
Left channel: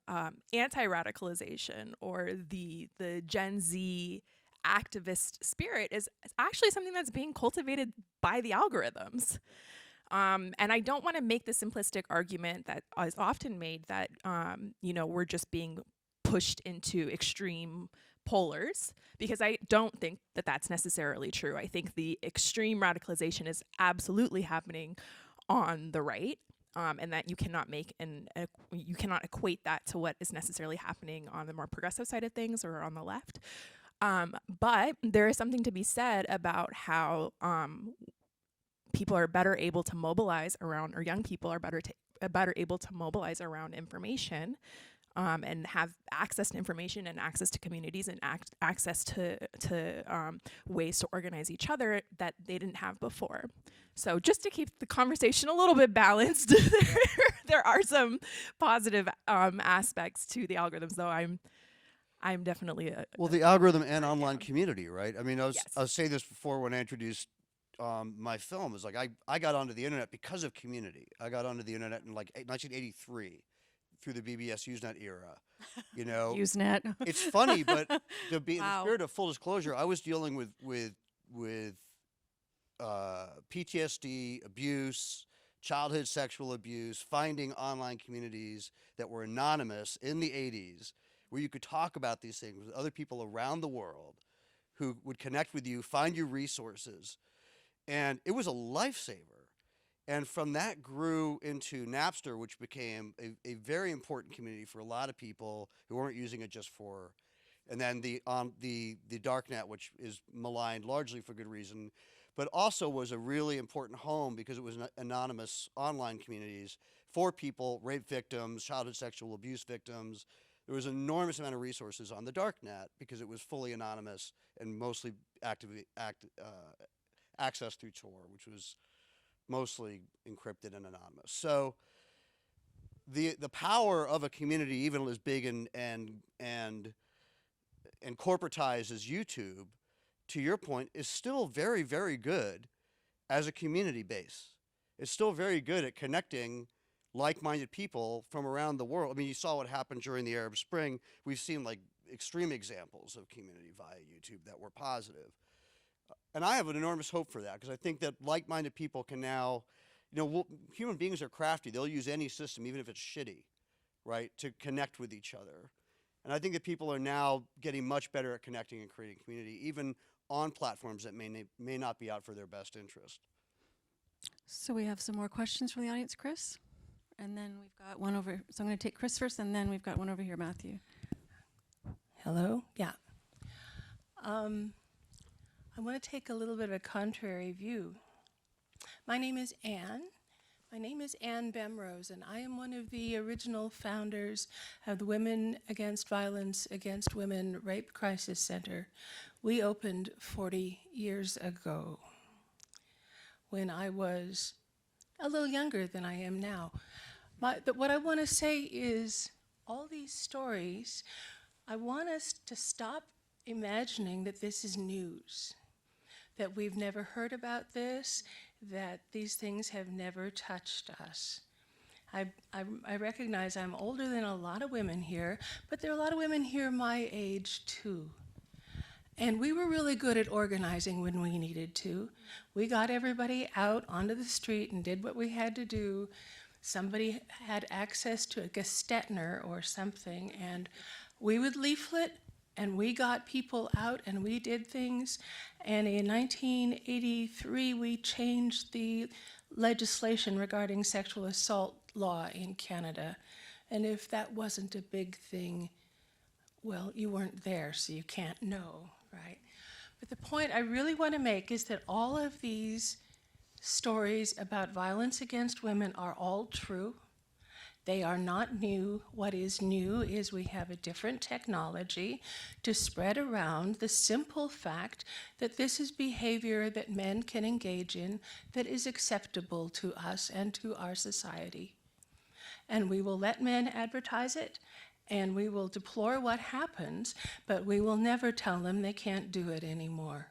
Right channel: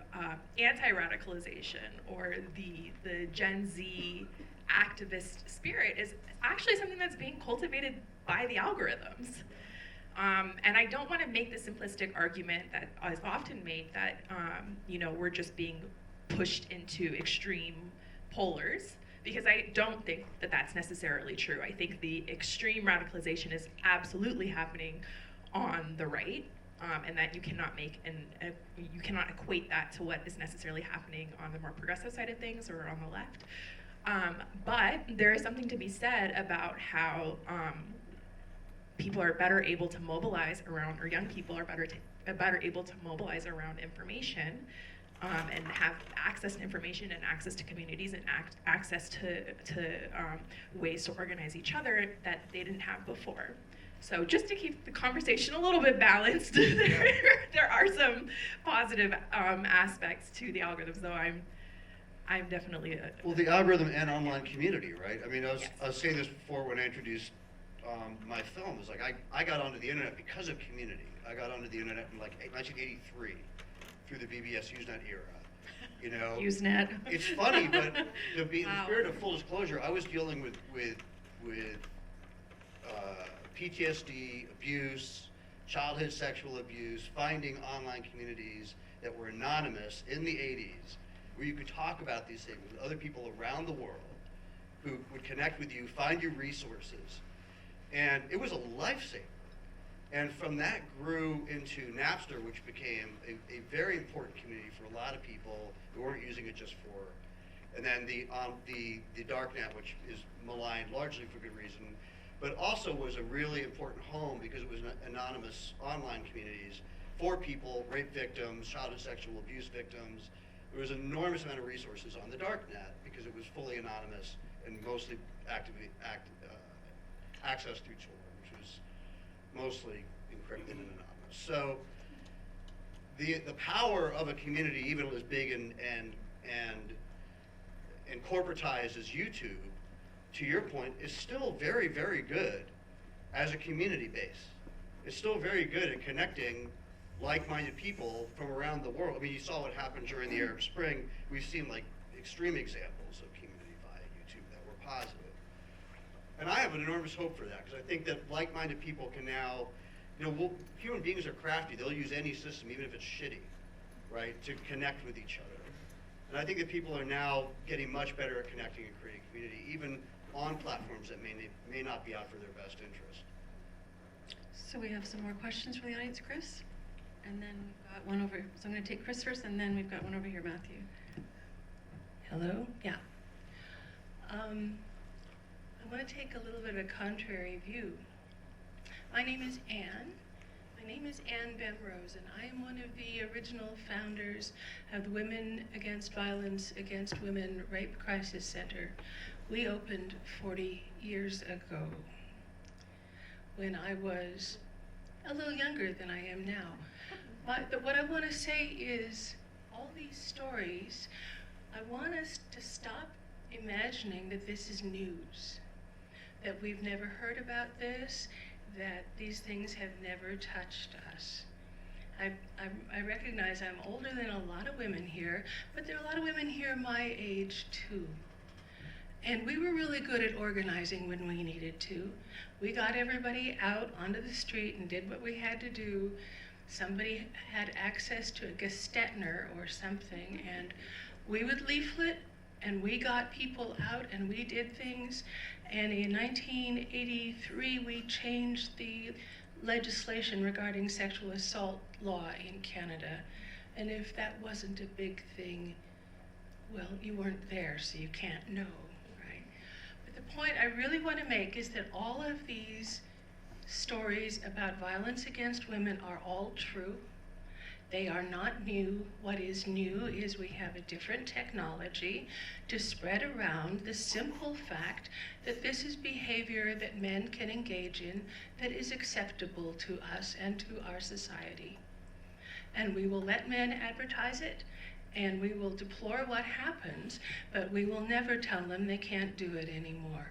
anti-radicalization or the Gen Z activist spirit is actually something that's being cultivated by the algorithms. And I don't want to make the simplistic argument that is often made that we're just being pushed into extreme polars, because I don't think that that's necessarily true. I think the extreme radicalization is absolutely happening on the right, and that you cannot make you cannot equate that to what is necessarily happening on the more progressive side of things or on the left. But there is something to be said about how people are better able to mobilize around, or young people are better able to mobilize around information, and have access to information and access to communities and access to ways to organize each other that they didn't have before. So just to keep the conversation a little bit balanced, there are some positive aspects to the algorithms, though I'm definitely well, the algorithm and online community, right? I mean, I was saying this before when I introduced my film. It's like I got onto the internet because of community. I got onto the internet in like 1983 through the BBS Usenet era. You know, Usenet. It's funny, but to be here to full disclosure, I was dealing with PTSD, abuse, childhood sexual abuse, finding online communities that were anonymous in the 80s, where you could talk about these things with other people around the world who would connect with you, find you resources. And it was a lifesaver. And from that grew into Napster, which became a very important community for a lot of people who weren't using it just for. And then the darknet, which is maligned largely for good reason, but also was a really important home because it was anonymous online communities for people, rape victims, childhood sexual abuse victims. There was an enormous amount of resources on the darknet because it was fully anonymous and mostly accessed through Tor, which was mostly encrypted and anonymous. So the power of a community, even as big and corporatized as YouTube, to your point, is still very, very good as a community base. It's still very good at connecting like-minded people from around the world. I mean, you saw what happened during the Arab Spring. We've seen like extreme examples of community via YouTube that were positive. And I have an enormous hope for that, because I think that like-minded people can now, human beings are crafty. They'll use any system, even if it's shitty, right, to connect with each other. And I think that people are now getting much better at connecting and creating community, even on platforms that may not be out for their best interest. So we have some more questions from the audience, Chris? And then we've got one over, so I'm going to take Chris first, and then we've got one over here, Matthew. Hello? Yeah. I want to take a little bit of a contrary view. My name is Anne. My name is Anne Benrose, and I am one of the original founders of the Women Against Violence Against Women Rape Crisis Center. We opened 40 years ago when I was a little younger than I am now. But what I want to say is, all these stories, I want us to stop imagining that this is news, that we've never heard about this, that these things have never touched us. I recognize I'm older than a lot of women here, but there are a lot of women here my age too. And we were really good at organizing when we needed to. We got everybody out onto the street and did what we had to do. Somebody had access to a Gestetner or something, and we would leaflet, and we got people out, and we did things. And in 1983, we changed the legislation regarding sexual assault law in Canada. And if that wasn't a big thing, well, you weren't there, so you can't know, right? But the point I really want to make is that all of these stories about violence against women are all true. They are not new. What is new is we have a different technology to spread around the simple fact that this is behavior that men can engage in that is acceptable to us and to our society. And we will let men advertise it, and we will deplore what happens, but we will never tell them they can't do it anymore.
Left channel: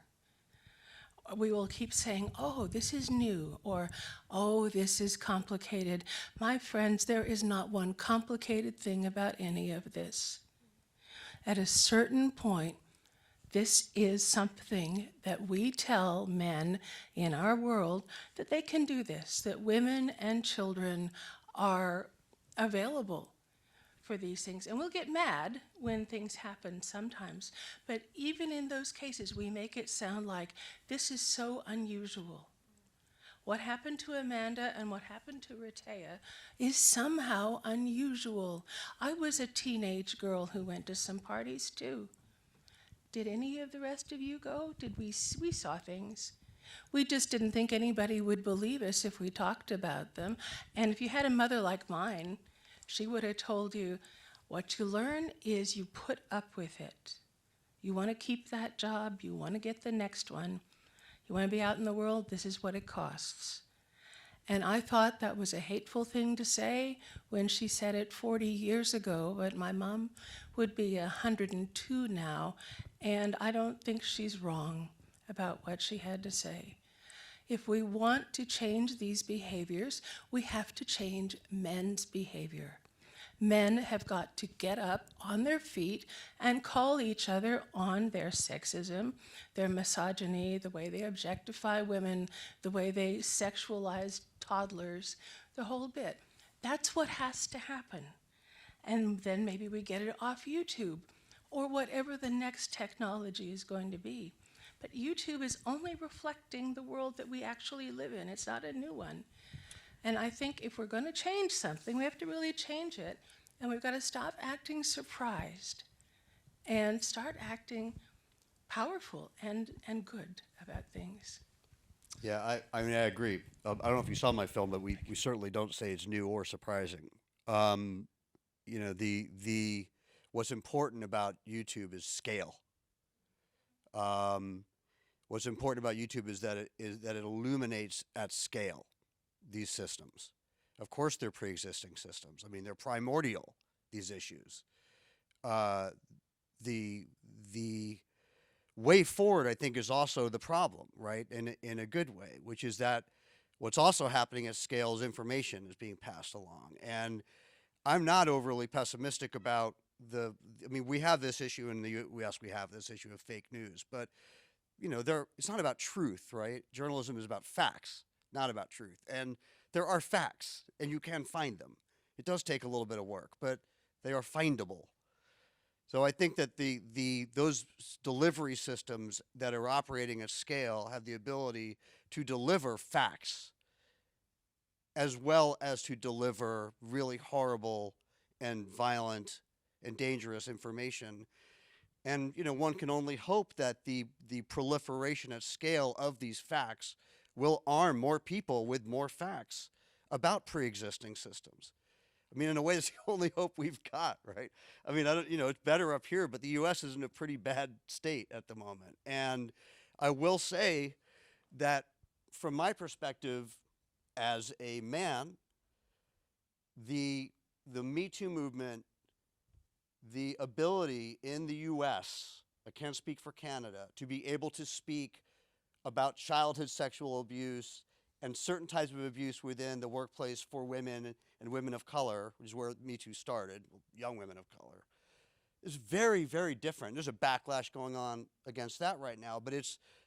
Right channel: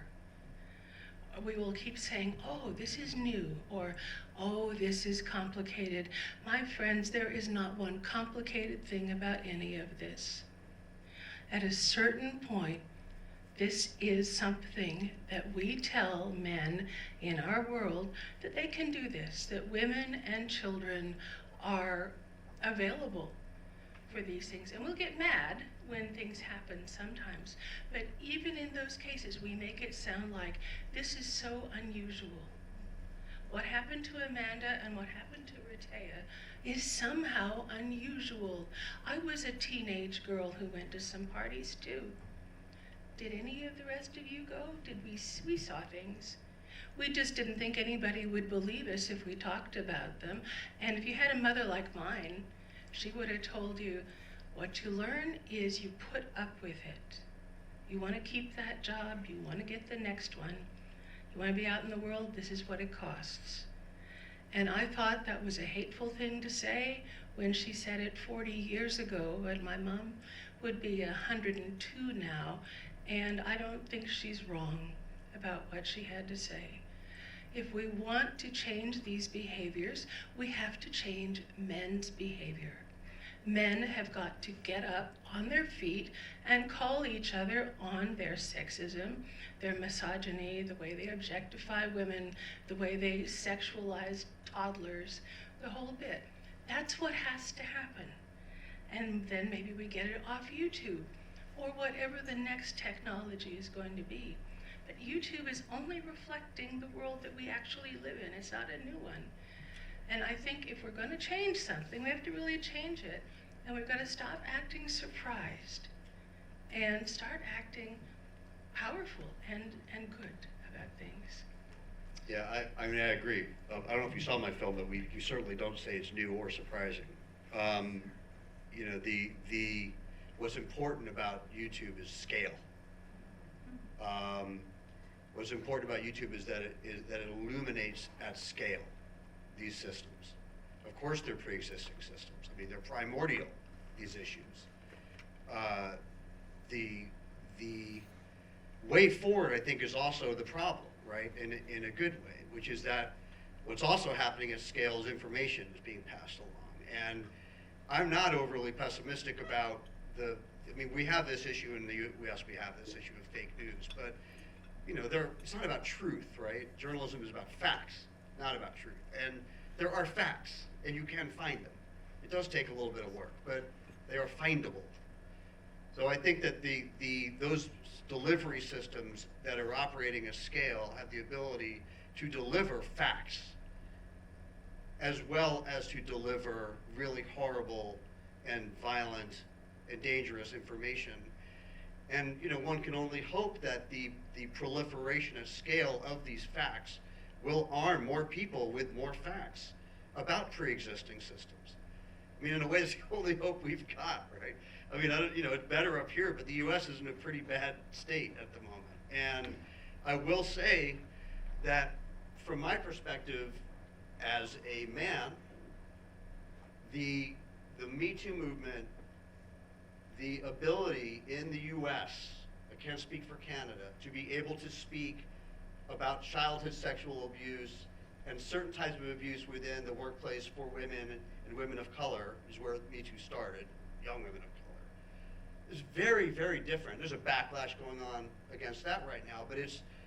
We will keep saying, oh, this is new, or, oh, this is complicated. My friends, there is not one complicated thing about any of this. At a certain point, this is something that we tell men in our world that they can do this, that women and children are available for these things. And we'll get mad when things happen sometimes, but even in those cases, we make it sound like this is so unusual. what happened to Amanda and what happened to Rehtaeh is somehow unusual. I was a teenage girl who went to some parties too. Did any of the rest of you go? We saw things. We just didn't think anybody would believe us if we talked about them. And if you had a mother like mine, she would have told you, what you learn is you put up with it. You want to keep that job, you want to get the next one. You want to be out in the world, this is what it costs. And I thought that was a hateful thing to say when she said it 40 years ago, but my mom would be 102 now, and I don't think she's wrong about what she had to say. If we want to change these behaviors, we have to change men's behavior. Men have got to get up on their feet and call each other on their sexism, their misogyny, the way they objectify women, the way they sexualize toddlers, the whole bit. That's what has to happen. And then maybe we get it off YouTube or whatever the next technology is going to be. But YouTube is only reflecting the world that we actually live in. It's not a new one. And I think if we're going to change something, we have to really change it. And we've got to stop acting surprised and start acting powerful and good about things. Yeah, I mean, I agree. I don't know if you saw my film, but we certainly don't say it's new or surprising. You know, the what's important about YouTube is scale. What's important about YouTube is that it illuminates at scale these systems. Of course, they're pre-existing systems. I mean, they're primordial, these issues. The way forward, I think, is also the problem, right, in a good way, which is that what's also happening at scale is information is being passed along. And I'm not overly pessimistic about I mean, we have this issue in the U.S., we have this issue of fake news, but, you know, it's not about truth, right? Journalism is about facts, not about truth. And there are facts, and you can find them. It does take a little bit of work, but they are findable. So I think that those delivery systems that are operating at scale have the ability to deliver facts as well as to deliver really horrible and violent and dangerous information. And, you know, one can only hope that the proliferation at scale of these facts will arm more people with more facts about pre-existing systems. I mean, in a way, it's the only hope we've got, right? I mean, you know, it's better up here, but the U.S. is in a pretty bad state at the moment. And I will say that from my perspective as a man, the MeToo movement, the ability in the U.S., I can't speak for Canada, to be able to speak about childhood sexual abuse and certain types of abuse within the workplace for women and women of color is where MeToo started, young women of color. It's very, very different. There's a backlash going on against that right now, but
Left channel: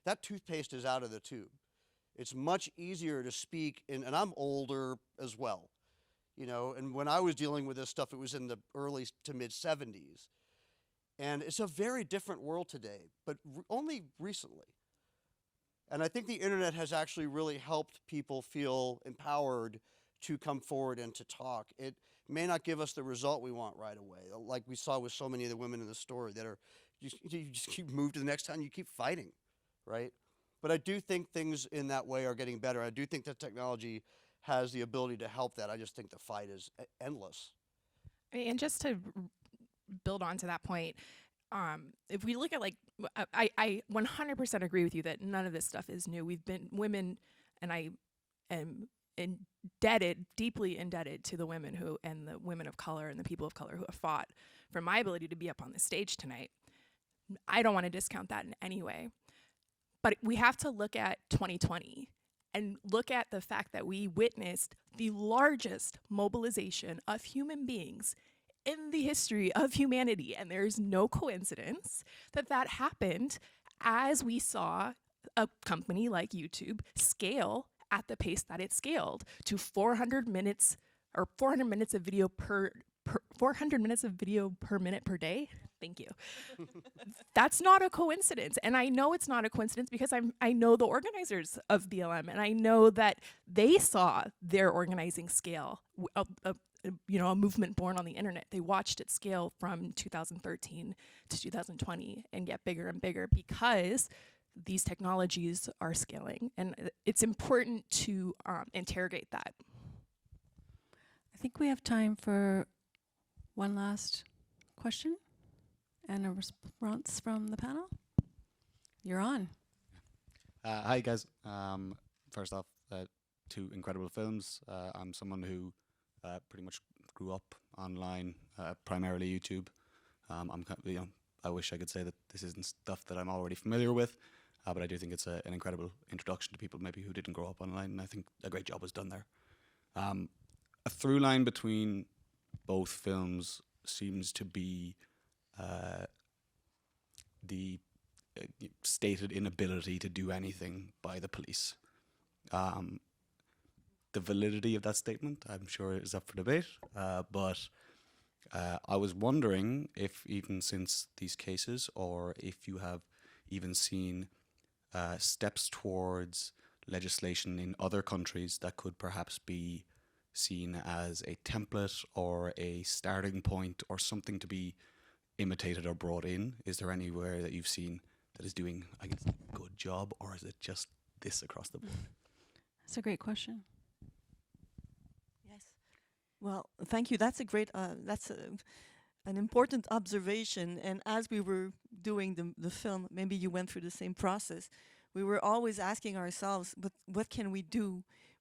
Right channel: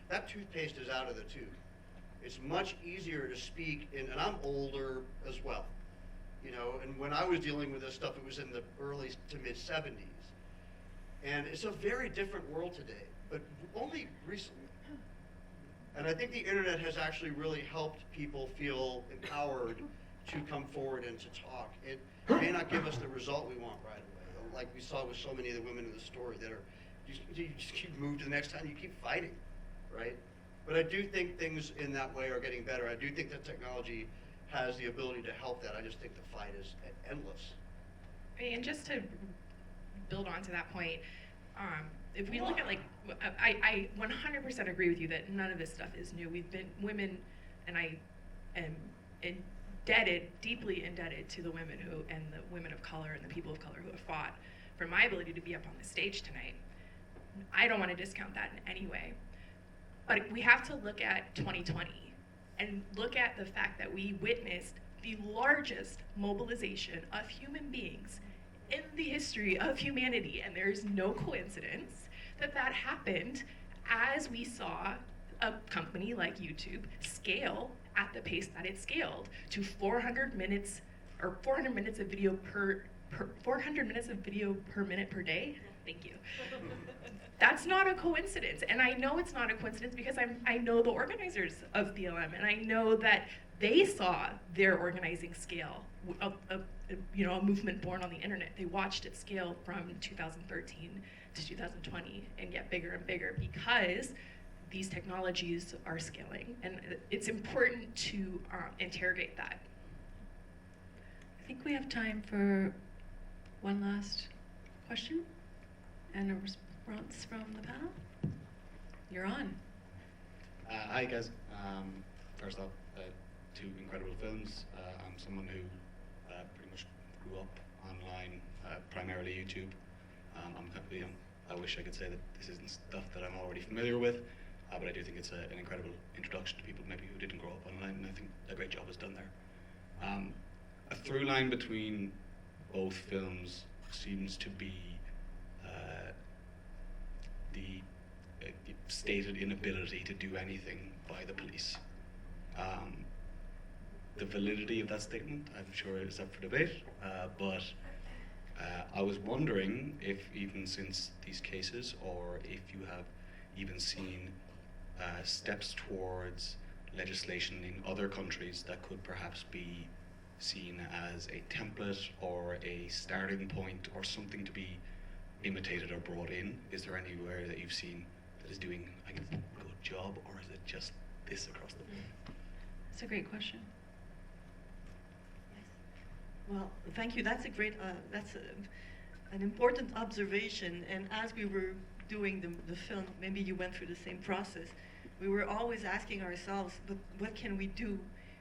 that toothpaste is out of the tube. It's much easier to speak, and I'm older as well. You know, and when I was dealing with this stuff, it was in the early to mid 70s. And it's a very different world today, but only recently. And I think the internet has actually really helped people feel empowered to come forward and to talk. It may not give us the result we want right away, like we saw with so many of the women in the story that are, you just keep moving to the next time, you keep fighting, right? But I do think things in that way are getting better. I do think that technology has the ability to help that. I just think the fight is endless. And just to build on to that point, if we look at, like, I 100% agree with you that none of this stuff is new. We've been women, and I am deeply indebted to the women and the women of color and the people of color who have fought for my ability to be up on the stage tonight. I don't want to discount that in any way. But we have to look at 2020 and look at the fact that we witnessed the largest mobilization of human beings in the history of humanity, and there's no coincidence that happened as we saw a company like YouTube scale at the pace that it scaled to 400 minutes of video per 400 minutes of video per minute per day. Thank you. That's not a coincidence, and I know it's not a coincidence because I know the organizers of BLM, and I know that they saw their organizing scale of a movement born on the internet. They watched it scale from 2013 to 2020 and get bigger and bigger because these technologies are scaling, and it's important to interrogate that. I think we have time for one last question and a response from the panel. You're on. Hi guys. First off, two incredible films. I'm someone who pretty much grew up online, primarily YouTube. I'm kind of, I wish I could say that this isn't stuff that I'm already familiar with, but I do think it's an incredible introduction to people maybe who didn't grow up online, and I think a great job was done there. A through line between both films seems to be the stated inability to do anything by the police. The validity of that statement, I'm sure is up for debate, but I was wondering if even since these cases, or if you have even seen steps towards legislation in other countries that could perhaps be seen as a template or a starting point or something to be imitated or brought in. Is there anywhere that you've seen that is doing a good job, or is it just this across the board? That's a great question. Yes. Well, thank you. That's a great, an important observation. And as we were doing the film, maybe you went through the same process. We were always asking ourselves, but what can we do?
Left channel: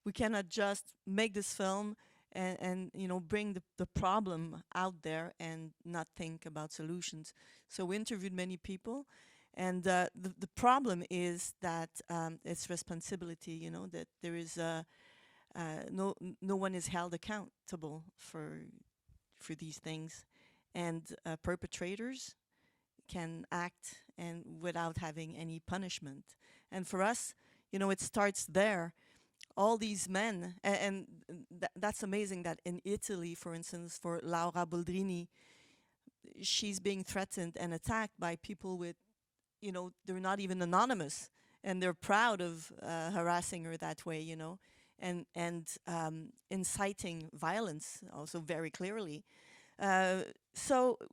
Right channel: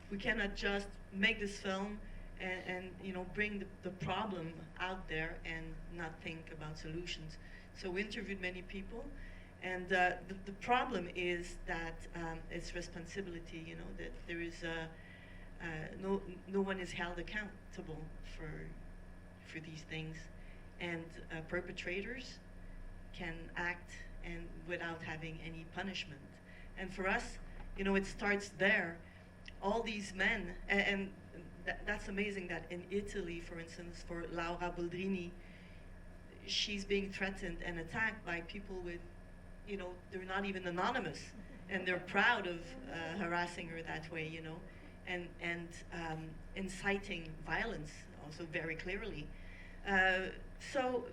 We cannot just make this film and bring the problem out there and not think about solutions. So we interviewed many people, and the problem is that it's responsibility. That there is no one is held accountable for these things, and perpetrators can act and without having any punishment. And for us, it starts there. All these men, and that's amazing that in Italy, for instance, for Laura Boldrini, she's being threatened and attacked by people with, they're not even anonymous, and they're proud of harassing her that way, and inciting violence also very clearly. So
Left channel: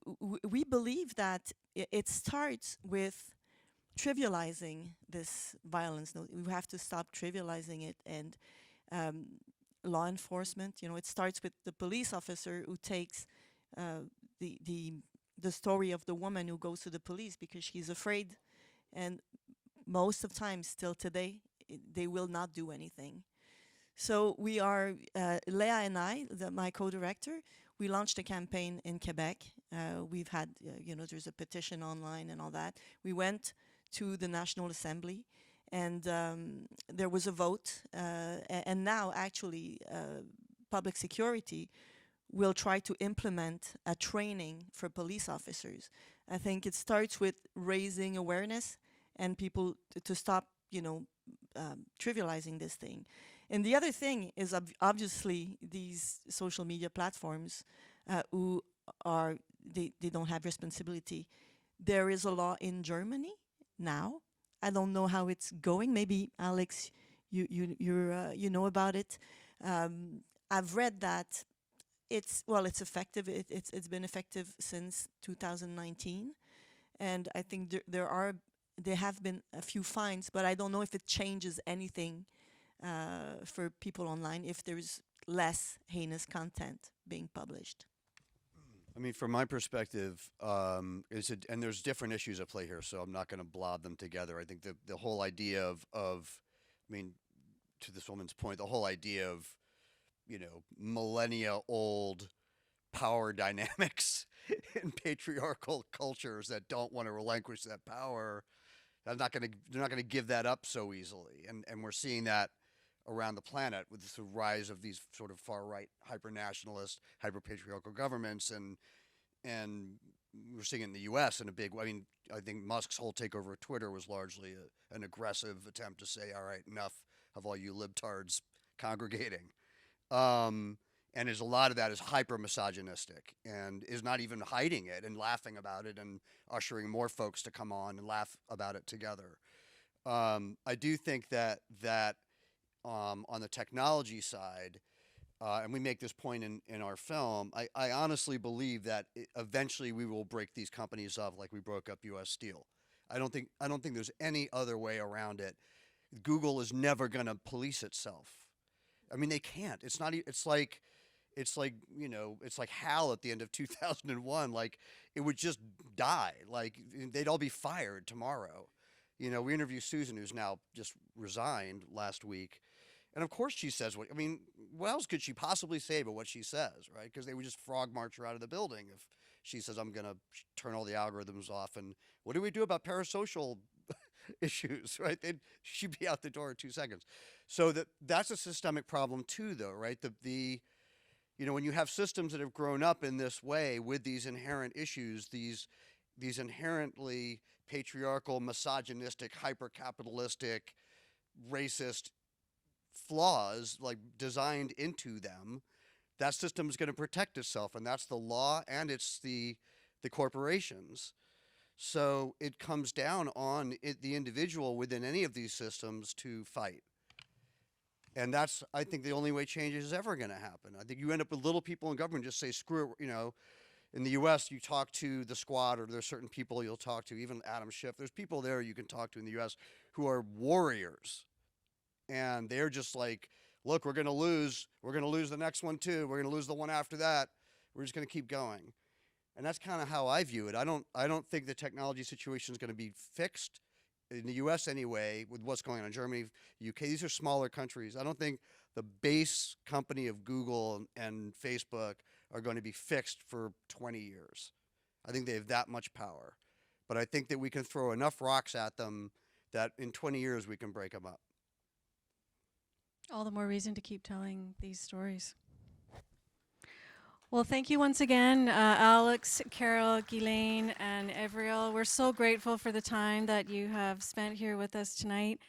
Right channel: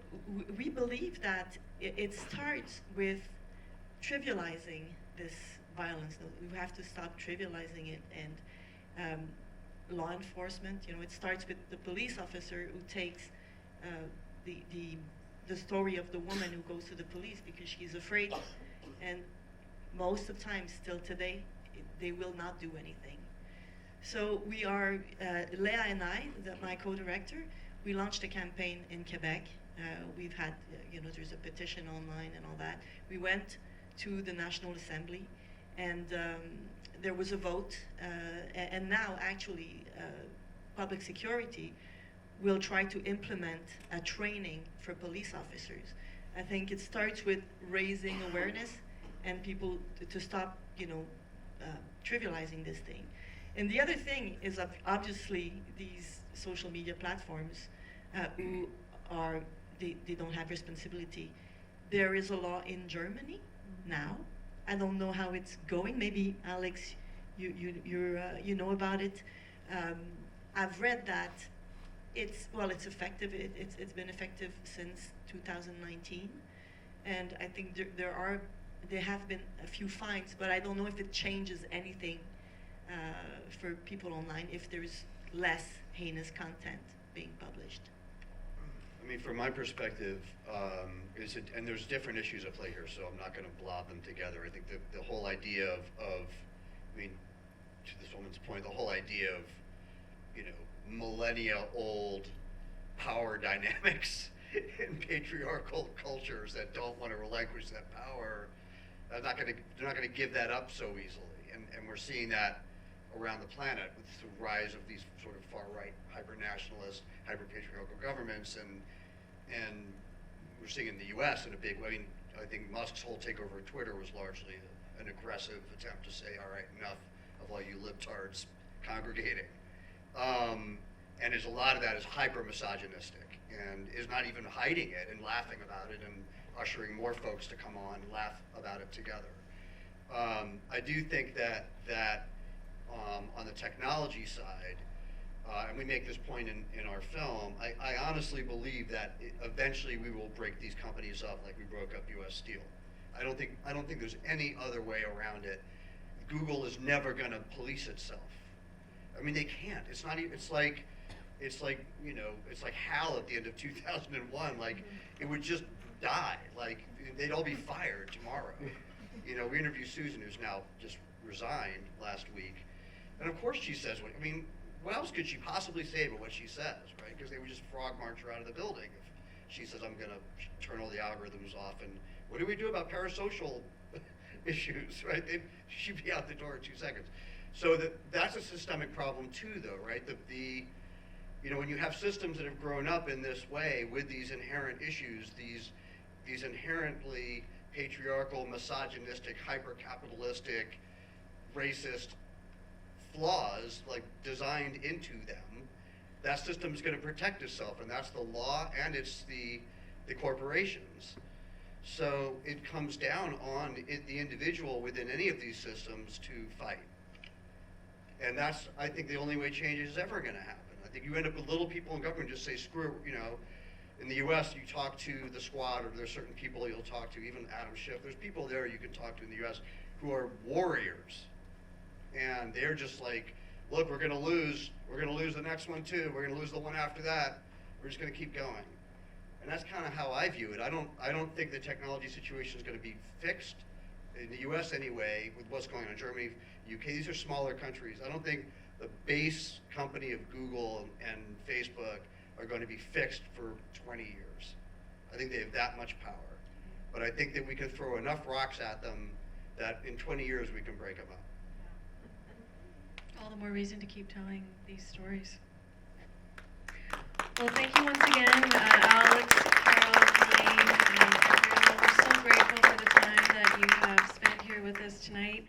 we believe that it starts with trivializing this violence. We have to stop trivializing it, and law enforcement, it starts with the police officer who takes the story of the woman who goes to the police because she's afraid, and most of the time, still today, they will not do anything. So we are, Leah and I, my co-director, we launched a campaign in Quebec. We've had, there's a petition online and all that. We went to the National Assembly, and there was a vote, and now actually public security will try to implement a training for police officers. I think it starts with raising awareness and people to stop, trivializing this thing. And the other thing is obviously these social media platforms who are, they don't have responsibility. There is a law in Germany now. I don't know how it's going. Maybe Alex, you know about it. I've read that it's effective. It's been effective since 2019, and I think there have been a few fines, but I don't know if it changes anything for people online if there's less heinous content being published. I mean, from my perspective, and there's different issues at play here, so I'm not going to blob them together. I think the whole idea of, to this woman's point, the whole idea of, millennia-old power dynamics in patriarchal cultures that don't want to relinquish that power, they're not going to give that up so easily. And we're seeing that around the planet with the rise of these sort of far-right, hyper-nationalist, hyper-patriarchal governments, and we're seeing it in the U.S. in a big way. I think Musk's whole takeover of Twitter was largely an aggressive attempt to say, all right, enough of all you libtards congregating. And there's a lot of that is hyper-misogynistic and is not even hiding it and laughing about it and ushering more folks to come on and laugh about it together. I do think that on the technology side, and we make this point in our film, I honestly believe that eventually we will break these companies up like we broke up U.S. Steel. I don't think there's any other way around it. Google is never going to police itself. I mean, they can't. It's not. It's like HAL at the end of 2001. Like, it would just die. Like, they'd all be fired tomorrow. We interviewed Susan, who's now just resigned last week, and of course she says, what else could she possibly say but what she says, right? Because they would just frog march her out of the building if she says, I'm going to turn all the algorithms off. And what do we do about parasocial issues, right? She'd be out the door in 2 seconds. So that's a systemic problem too, though, right? When you have systems that have grown up in this way with these inherent issues, these inherently patriarchal, misogynistic, hyper-capitalistic, racist flaws like designed into them, that system's going to protect itself, and that's the law, and it's the corporations. So it comes down on the individual within any of these systems to fight. And that's, I think, the only way change is ever going to happen. I think you end up with little people in government just say, screw it, In the U.S., you talk to the squad, or there's certain people you'll talk to, even Adam Schiff. There's people there you can talk to in the U.S. who are warriors. And they're just like, look, we're going to lose. We're going to lose the next one, too. We're going to lose the one after that. We're just going to keep going. And that's kind of how I view it. I don't think the technology situation is going to be fixed, in the U.S. anyway, with what's going on in Germany, UK. These are smaller countries. I don't think the base company of Google and Facebook are going to be fixed for 20 years. I think they have that much power. But I think that we can throw enough rocks at them that in 20 years we can break them up. All the more reason to keep telling these stories. Well, thank you once again, Alex, Carol, Guylaine, and Avriel. We're so grateful for the time that you have spent here with us tonight.